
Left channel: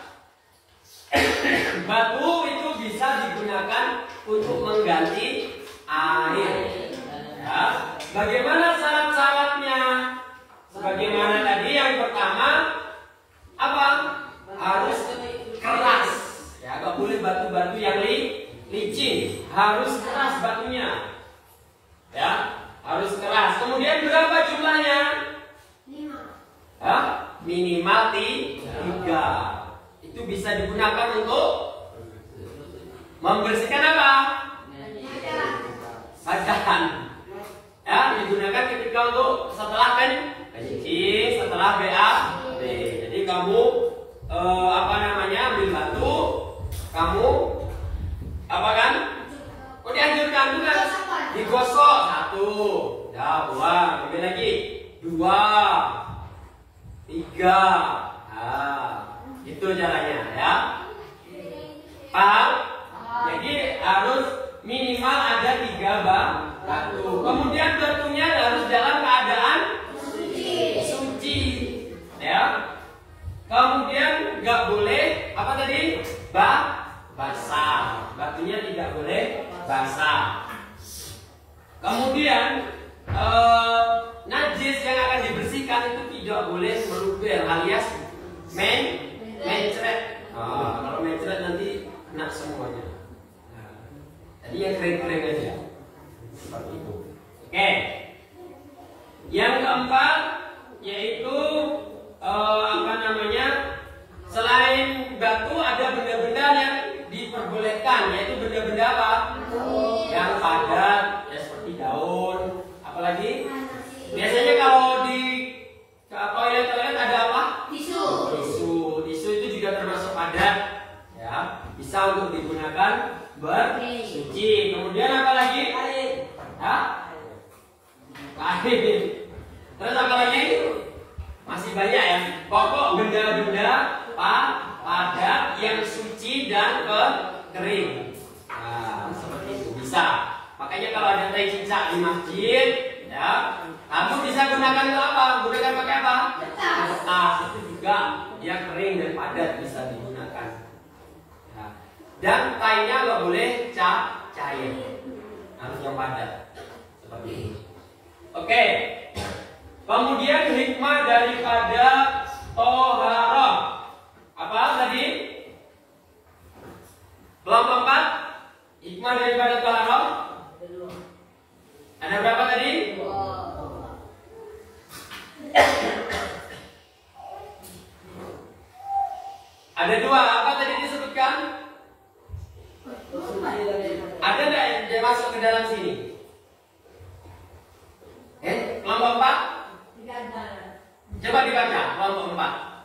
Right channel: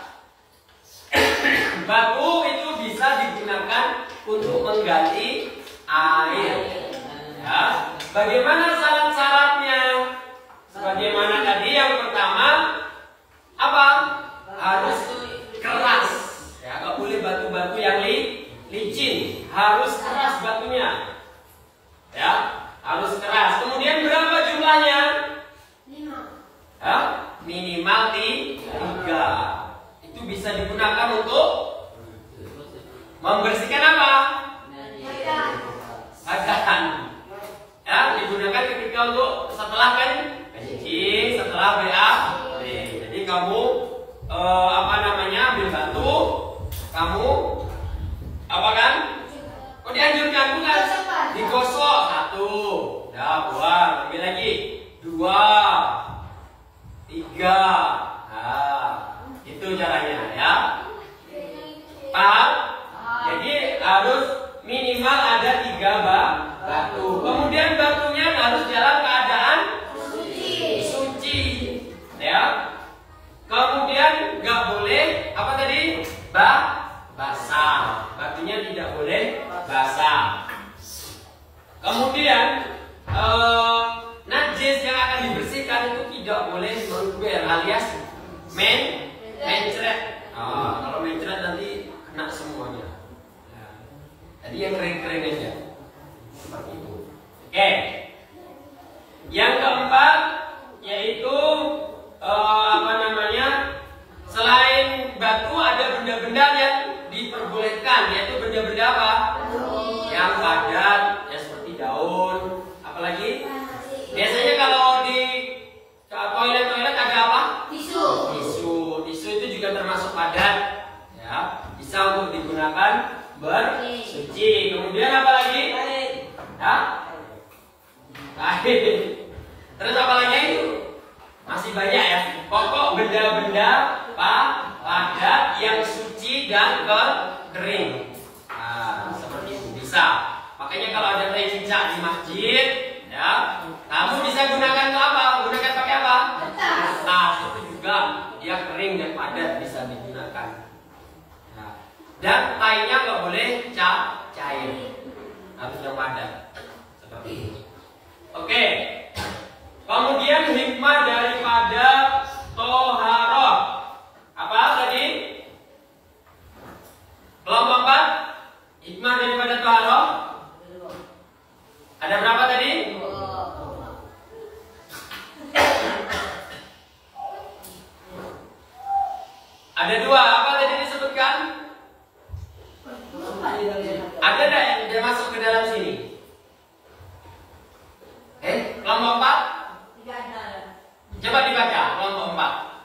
Batu itu bisa digunakan untuk mengganti air. Ya. Bagaimana syarat-syaratnya? Sebagaimana tadi yang pertama apa? Harus keras. Ya, nggak boleh batu-batu yang licin. Harus keras batunya. Ya, harus keras. Kemudian berapa jumlahnya? 5. Ya, minimal 3. Itu bisa digunakan untuk membersihkan apa? Badan. Ya, digunakan ketika untuk setelah kan kencing, setelah BAB. Jadi kamu ambil batu, kamu apa kan? Kok dianjurkan bukan? Digosok 1, ya buang, ambil lagi 2, 3. Itu caranya ya. Paham? Jadi harus minimal ada 3 batu. Kemudian batunya harus dalam keadaan suci. Ya. Kemudian nggak boleh apa tadi? Basah. Batunya tidak boleh basah. Kemudian najis yang mencret. Kalau mencret nanti kena semuanya. Tadi yang kering-kering aja. Seperti itu. Oke. Yang keempat yaitu selain batu ada benda-benda yang diperbolehkan, yaitu benda-benda apa? Yang padat, ya seperti daun. Apalagi? Biasanya kalau di toilet ada apa? Tisu itu juga termasuk padat, ya. Bisa untuk digunakan bersuci. Kemudian apa lagi? Kain. Terus apa lagi? Masih banyak ya. Pokok benda-benda padat yang suci dan kering. Seperti itu bisa. Makanya kalau ada teh cicak di masjid, ya, kamu bisa gunakan untuk apa? Gunakan pakai apa? Kertas. Itu juga dia kering dan padat, bisa digunakan. Ya. Dan tainya nggak boleh cair, harus yang padat. Seperti itu. Oke. Kemudian hikmah daripada toharoh. Apa tadi? Kelompok 4. Hikmah daripada toharoh. Ada berapa tadi? Ada 2. Apa tadi disebutkan? Ada enggak yang masuk ke dalam sini? Kelompok 4? Tidak ada. Coba dibaca kelompok 4.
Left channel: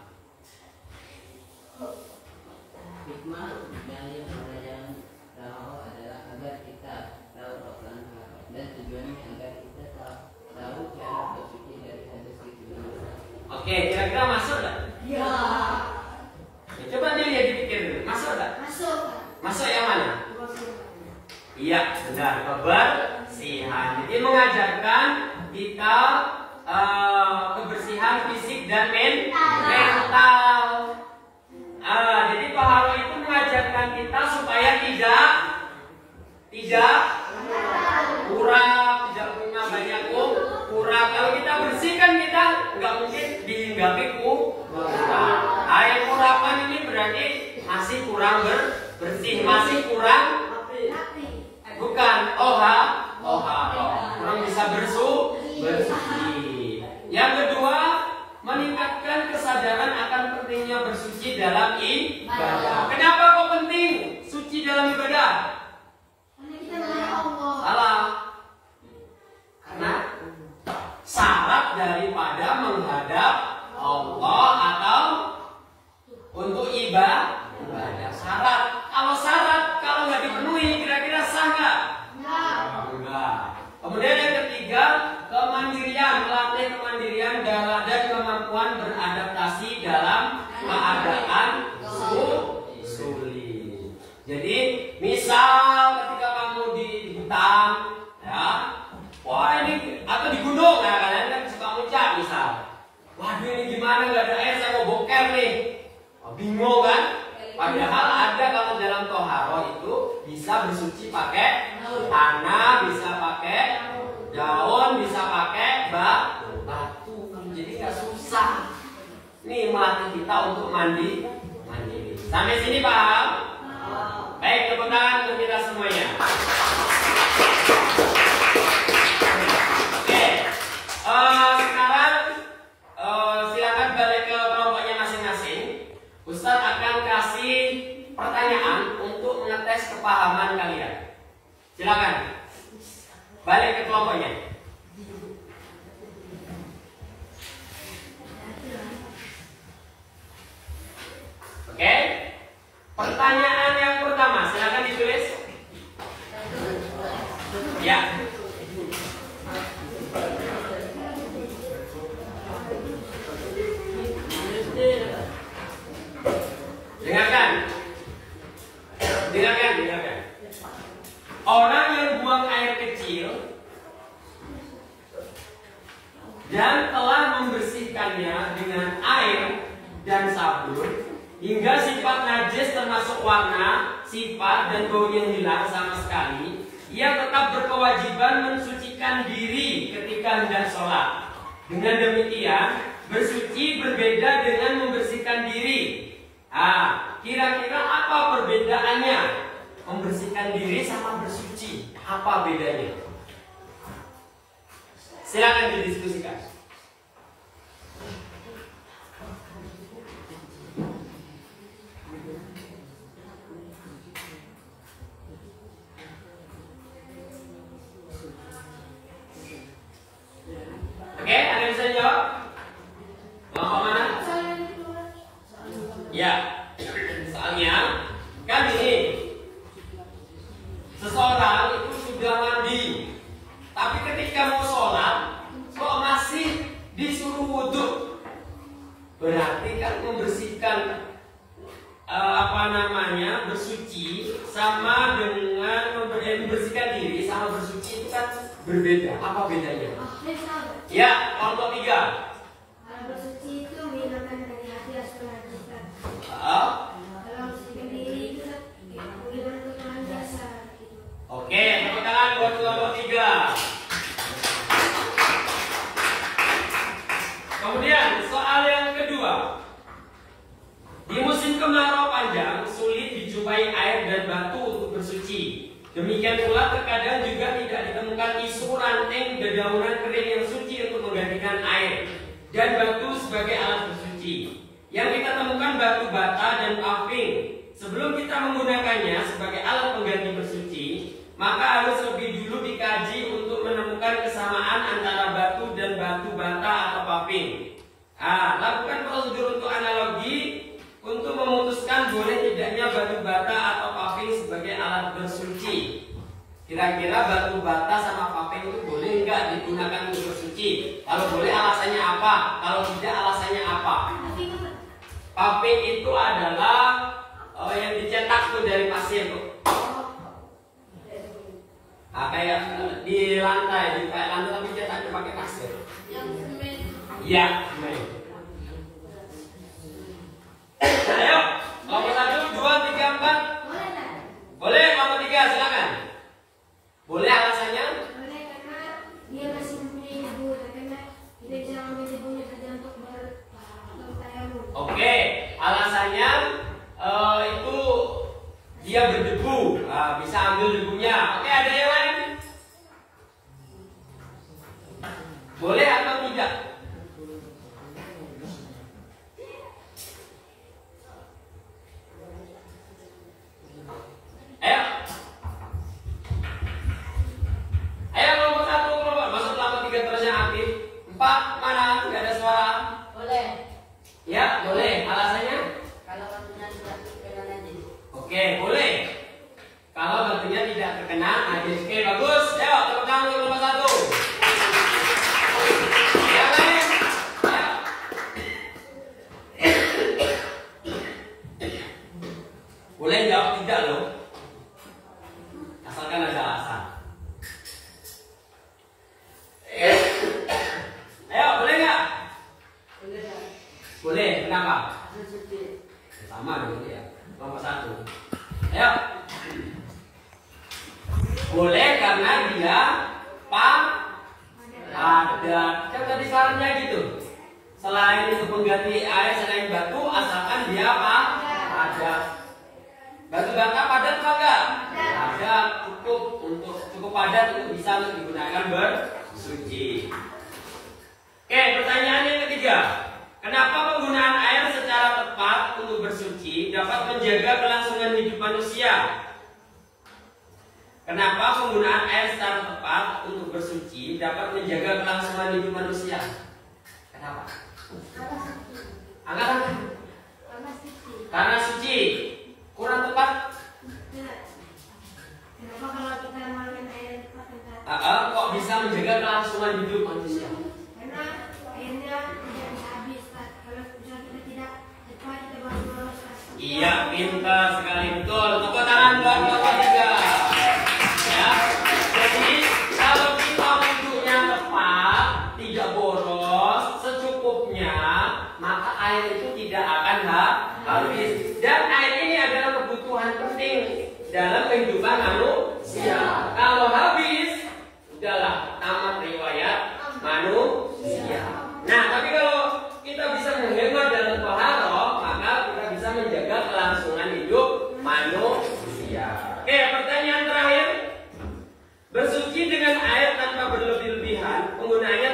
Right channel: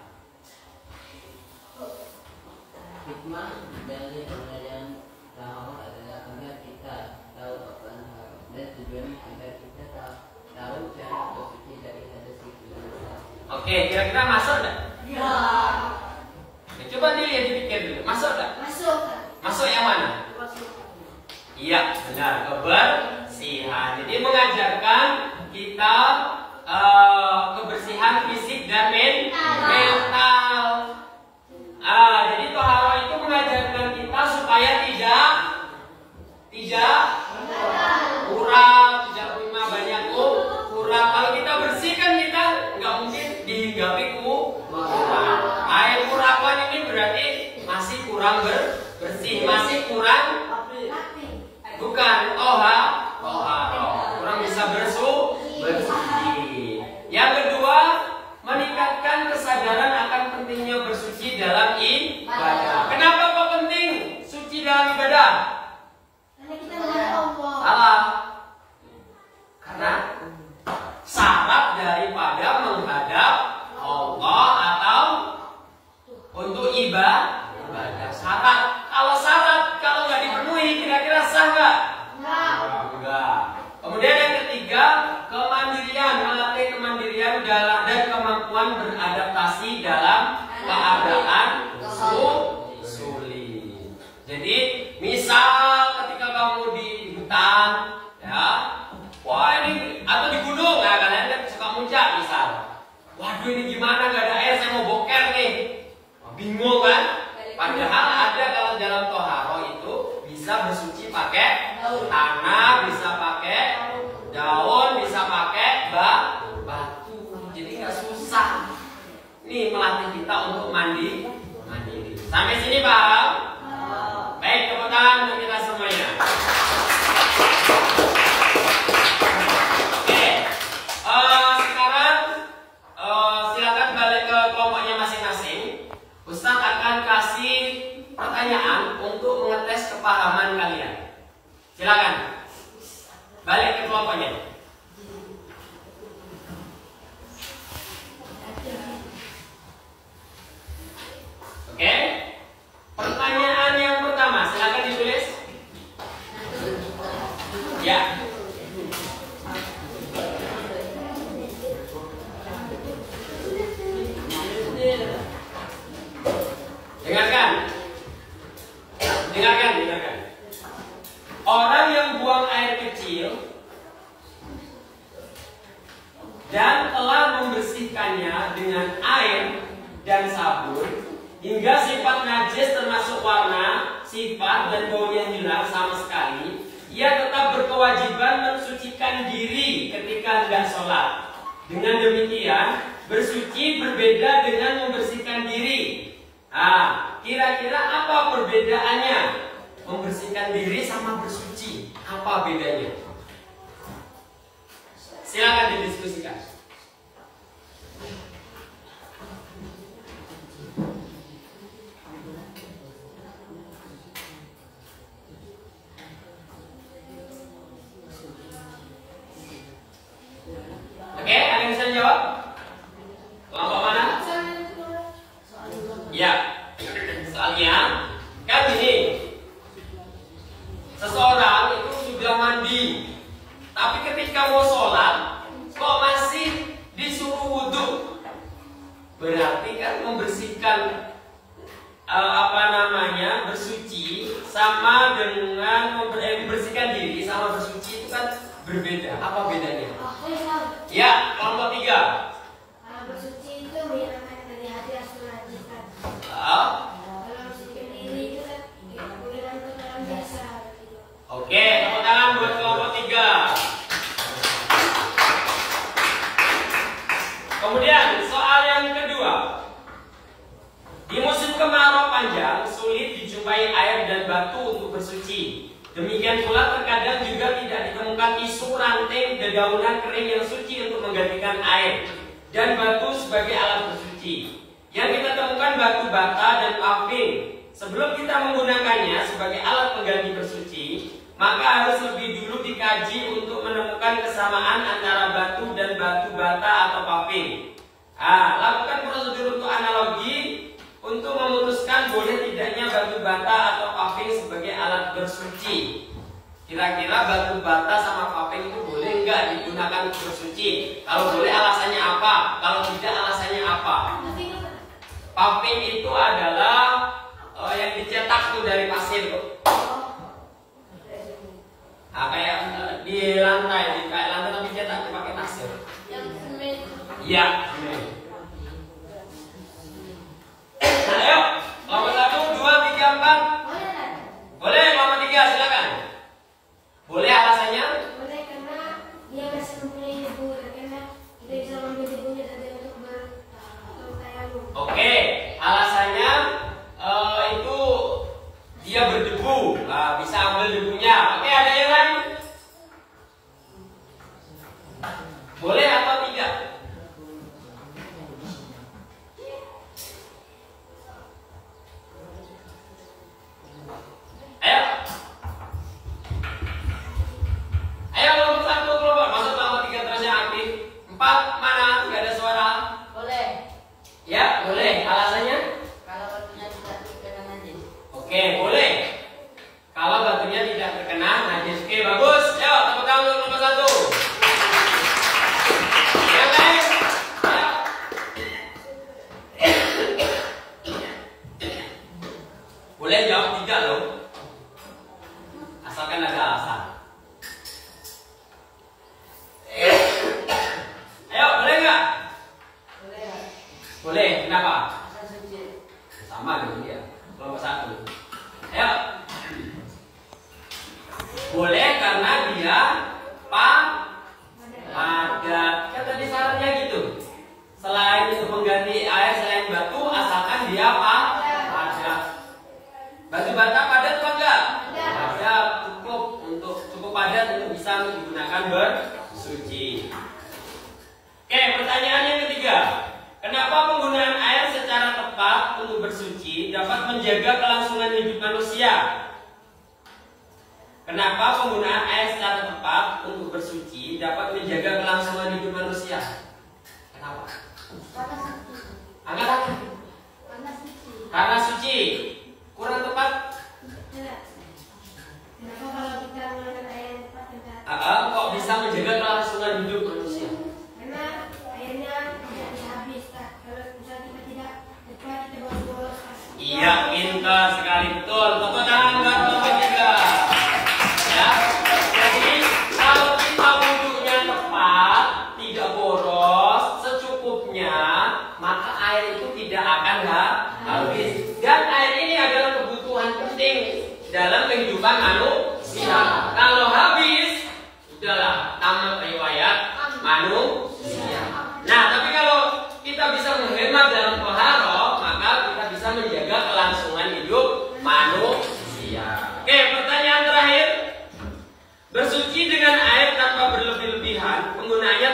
Hikmah dari pembelajaran toharoh adalah agar kita tahu apa dan tujuannya agar kita tahu cara bersuci dari hadas itu. Oke, kira-kira masuk enggak? Ya. Coba dilihat, dipikir dulu. Masuk enggak? Masuk yang mana? Iya, benar. Kebersihan. Jadi mengajarkan kita kebersihan fisik dan mental. Jadi toharoh itu mengajarkan kita supaya tidak kurang, tidak punya banyak kurang. Kalau kita bersihkan, kita nggak mungkin dihinggapi kurang. Yang kurapan ini berarti masih kurang bersih, masih kurang. Bukan toharoh, kurang bisa bersih. Yang kedua, meningkatkan kesadaran akan pentingnya bersuci dalam ibadah. Kenapa kok penting suci dalam ibadah? Karena kita menghadap Allah. Salah. Karena syarat daripada menghadap Allah atau untuk ibadah. Syarat. Kalau nggak dipenuhi, kira-kira sah nggak? Enggak. Kemudian yang ketiga, kemandirian, melatih kemandirian dan kemampuan beradaptasi dalam keadaan sulit. Jadi, misal ketika kamu di hutan, ya, atau di gunung, ya, kalian kan suka muncak, misal. Waduh, ini gimana? Nggak ada air, saya mau boker nih. Bingung kan? Padahal ada kalau dalam toharoh itu bisa bersuci pakai tanah, bisa pakai daun, bisa pakai batu. Jadi nggak susah. Nih melatih kita untuk mandiri. Sampai sini paham? Baik, tepuk tangan untuk kita semuanya. Oke, sekarang silakan balik ke kelompoknya masing-masing. Ustadz akan kasih pertanyaan untuk mengetes kepahaman kalian. Silakan balik ke kelompoknya. Oke. Pertanyaan yang pertama, silakan ditulis. Ya. Dengarkan. Orang yang buang air kecil dan telah membersihkannya dengan air dan sabun hingga sifat najis termasuk warna, sifat dan baunya hilang sama sekali, ia tetap berkewajiban mensucikan diri ketika hendak sholat. Dengan demikian, Bersuci berbeda dengan membersihkan diri. Kira-kira apa perbedaannya? Membersihkan diri sama bersuci, apa bedanya? Silakan didiskusikan. Oke, ada yang bisa jawab? Kelompok mana? Ya, soalnya kan ini seseorang itu sudah mandi, tapi ketika mau sholat kok masih disuruh wudhu, berarti kan membersihkan bersuci sama dengan membersihkan diri sama bersuci itu kan berbeda. Apa bedanya? Ya, kelompok 3. Kalau bersuci itu menghilangkan dari hati asal najis kan. Kalau membersihkan diri itu kan menghilangkan kotoran biasa. Oke, tepuk tangan buat kelompok 3. Kemudian soal yang kedua. Di musim kemarau panjang sulit dijumpai air dan batu untuk bersuci. Demikian pula terkadang juga tidak ditemukan isu ranting dedaunan kering yang suci untuk menggantikan air dan batu sebagai alat bersuci. Yang kita temukan batu bata dan paving. Sebelum kita menggunakannya sebagai alat pengganti bersuci, maka harus lebih dulu dikaji untuk menemukan kesamaan antara batu dan batu bata atau paving. Lakukan prosedur untuk analogi untuk memutuskan boleh tidaknya batu bata atau paving sebagai alat bersuci. Kira-kira batu bata sama paving itu boleh nggak digunakan untuk bersuci? Kalau boleh alasannya apa? Kalau tidak alasannya apa? Paving itu adalah yang dicetak tuh dari pasir tuh. Kayak di lantai, kayak lantai tapi cetaknya pakai pasir. Yang semen. Iya, semen. Ayo, kelompok 1, 2, 3, 4. Boleh kan? Boleh, kelompok 3, silakan. Boleh alasannya? Boleh karena dia masih mempunyai debu, karena kita bisa mengambil debunya saja untuk bertayamum. Oke, alasannya itu dia berdebu, bisa ambil debunya. Oke, ada yang lain? Boleh atau tidak? Ayo kelompok 1, kelompok masuk kelompok 3 terus yang aktif. 4 mana? Nggak ada suara. Boleh. Ya, boleh. Alasannya? Kalau batunya tidak terkena najis. Oke, boleh. Kalau batunya tidak terkena najis. Oke, bagus. Ayo, tepuk tangan untuk kelompok 1. Yang lain? Ayo. Boleh jawab tidak loh. Asalkan ada alasan. Ayo, boleh nggak? Boleh. Boleh. Kenapa? Asal suci. Sama dengan dia. Kelompok 1. Ayo. Boleh karena dia padat. Kan tadi sarannya gitu. Selain untuk mengganti air, selain batu, asalkan dia padat. Batu bata padat apa enggak? Padat, cukup padat untuk bisa digunakan bersuci. Oke, pertanyaan yang ketiga. Kenapa penggunaan air secara tepat untuk bersuci dapat menjaga kelangsungan hidup manusia? Kenapa penggunaan air secara tepat untuk bersuci dapat menjaga kelangsungan hidup manusia? Kenapa? Angkat tangan. Karena suci. Kurang tepat? Kenapa kalau kita menggunakan air yang tepat Kok bisa menjaga kelangsungan hidup manusia? Karena airnya tidak habis. Kalau misalnya kita tidak cepat, kita boros. Iya, pintar sekali, betul. Tepuk tangan buat kelompok 3. Ya. Jadi kalau kita wudhunya tepat, tidak boros, secukupnya, maka air itu tidak akan habis. Dan air ini adalah kebutuhan penting dalam kehidupan manusia. Kalau habis, udahlah tamat riwayat manusia. Nah, tapi kalau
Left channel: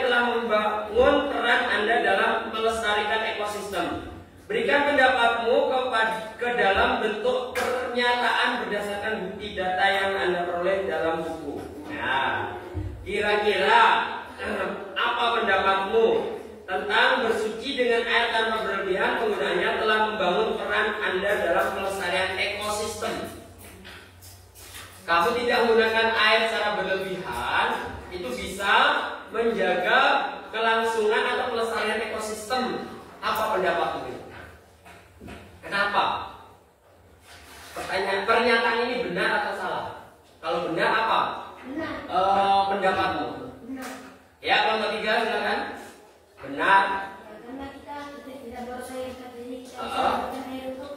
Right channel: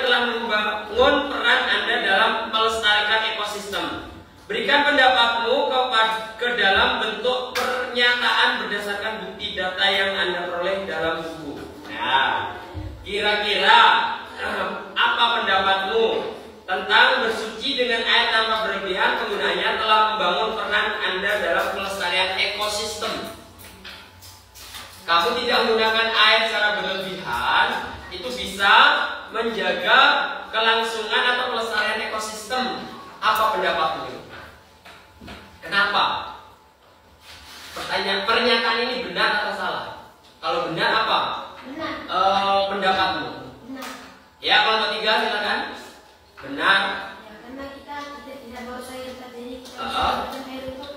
telah membangun peran Anda dalam melestarikan ekosistem. Berikan pendapatmu ke dalam bentuk pernyataan berdasarkan bukti data yang Anda peroleh dalam buku. Nah, kira-kira apa pendapatmu tentang bersuci dengan air tanpa berlebihan? Penggunaannya telah membangun peran Anda dalam pelestarian ekosistem. Kamu tidak menggunakan air secara berlebihan, itu bisa menjaga kelangsungan atau pelestarian ekosistem. Apa pendapatmu? Kenapa? Pernyataan ini benar atau salah? Kalau benar apa? Benar. Pendapatmu? Benar. Ya, kelompok 3 silakan. Benar. Ya, karena kita tidak bawa sayur, jadi kita bisa menggunakan air untuk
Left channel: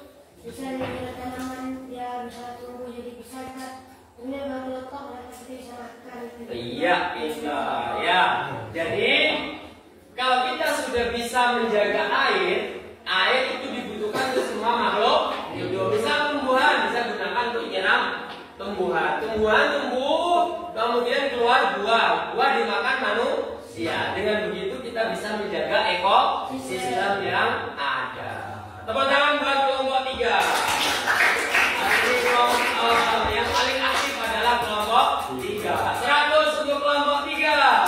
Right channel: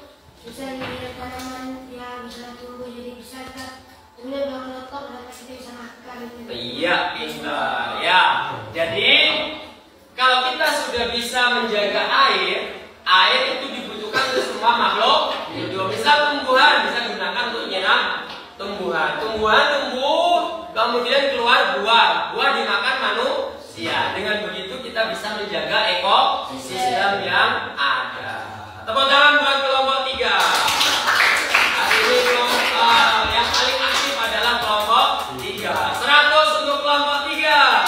bisa menjaga tanaman, ya bisa tumbuh jadi bisa kita kemudian bawa kelotok dan kita bisa makan. Gitu. Iya, pintar. Ya, jadi kalau kita sudah bisa menjaga air, air itu dibutuhkan untuk semua makhluk hidup. Misal tumbuhan bisa gunakan untuk nyiram tumbuhan. Tumbuhan tumbuh, kemudian keluar buah. Buah dimakan manusia. Dengan begitu kita bisa menjaga ekosistem yang ada. Tepuk tangan buat kelompok 3. Hari ini yang paling aktif adalah kelompok 3. 100 untuk kelompok 3.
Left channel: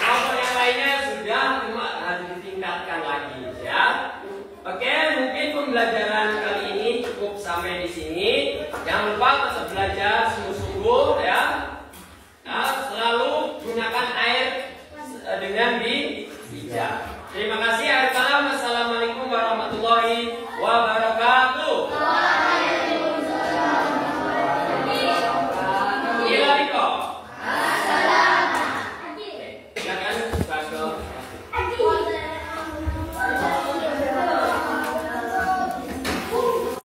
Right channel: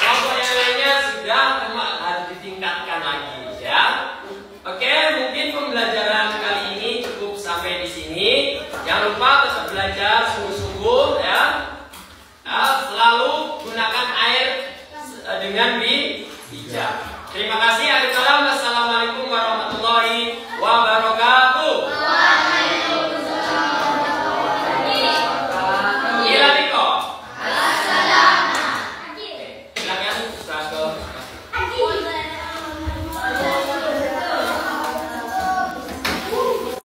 Kelompok yang lainnya sudah, cuma harus ditingkatkan lagi ya. Oke, mungkin pembelajaran kali ini cukup sampai di sini. Jangan lupa tetap belajar sungguh-sungguh ya. Selalu gunakan air dengan bijak. Terima kasih akhir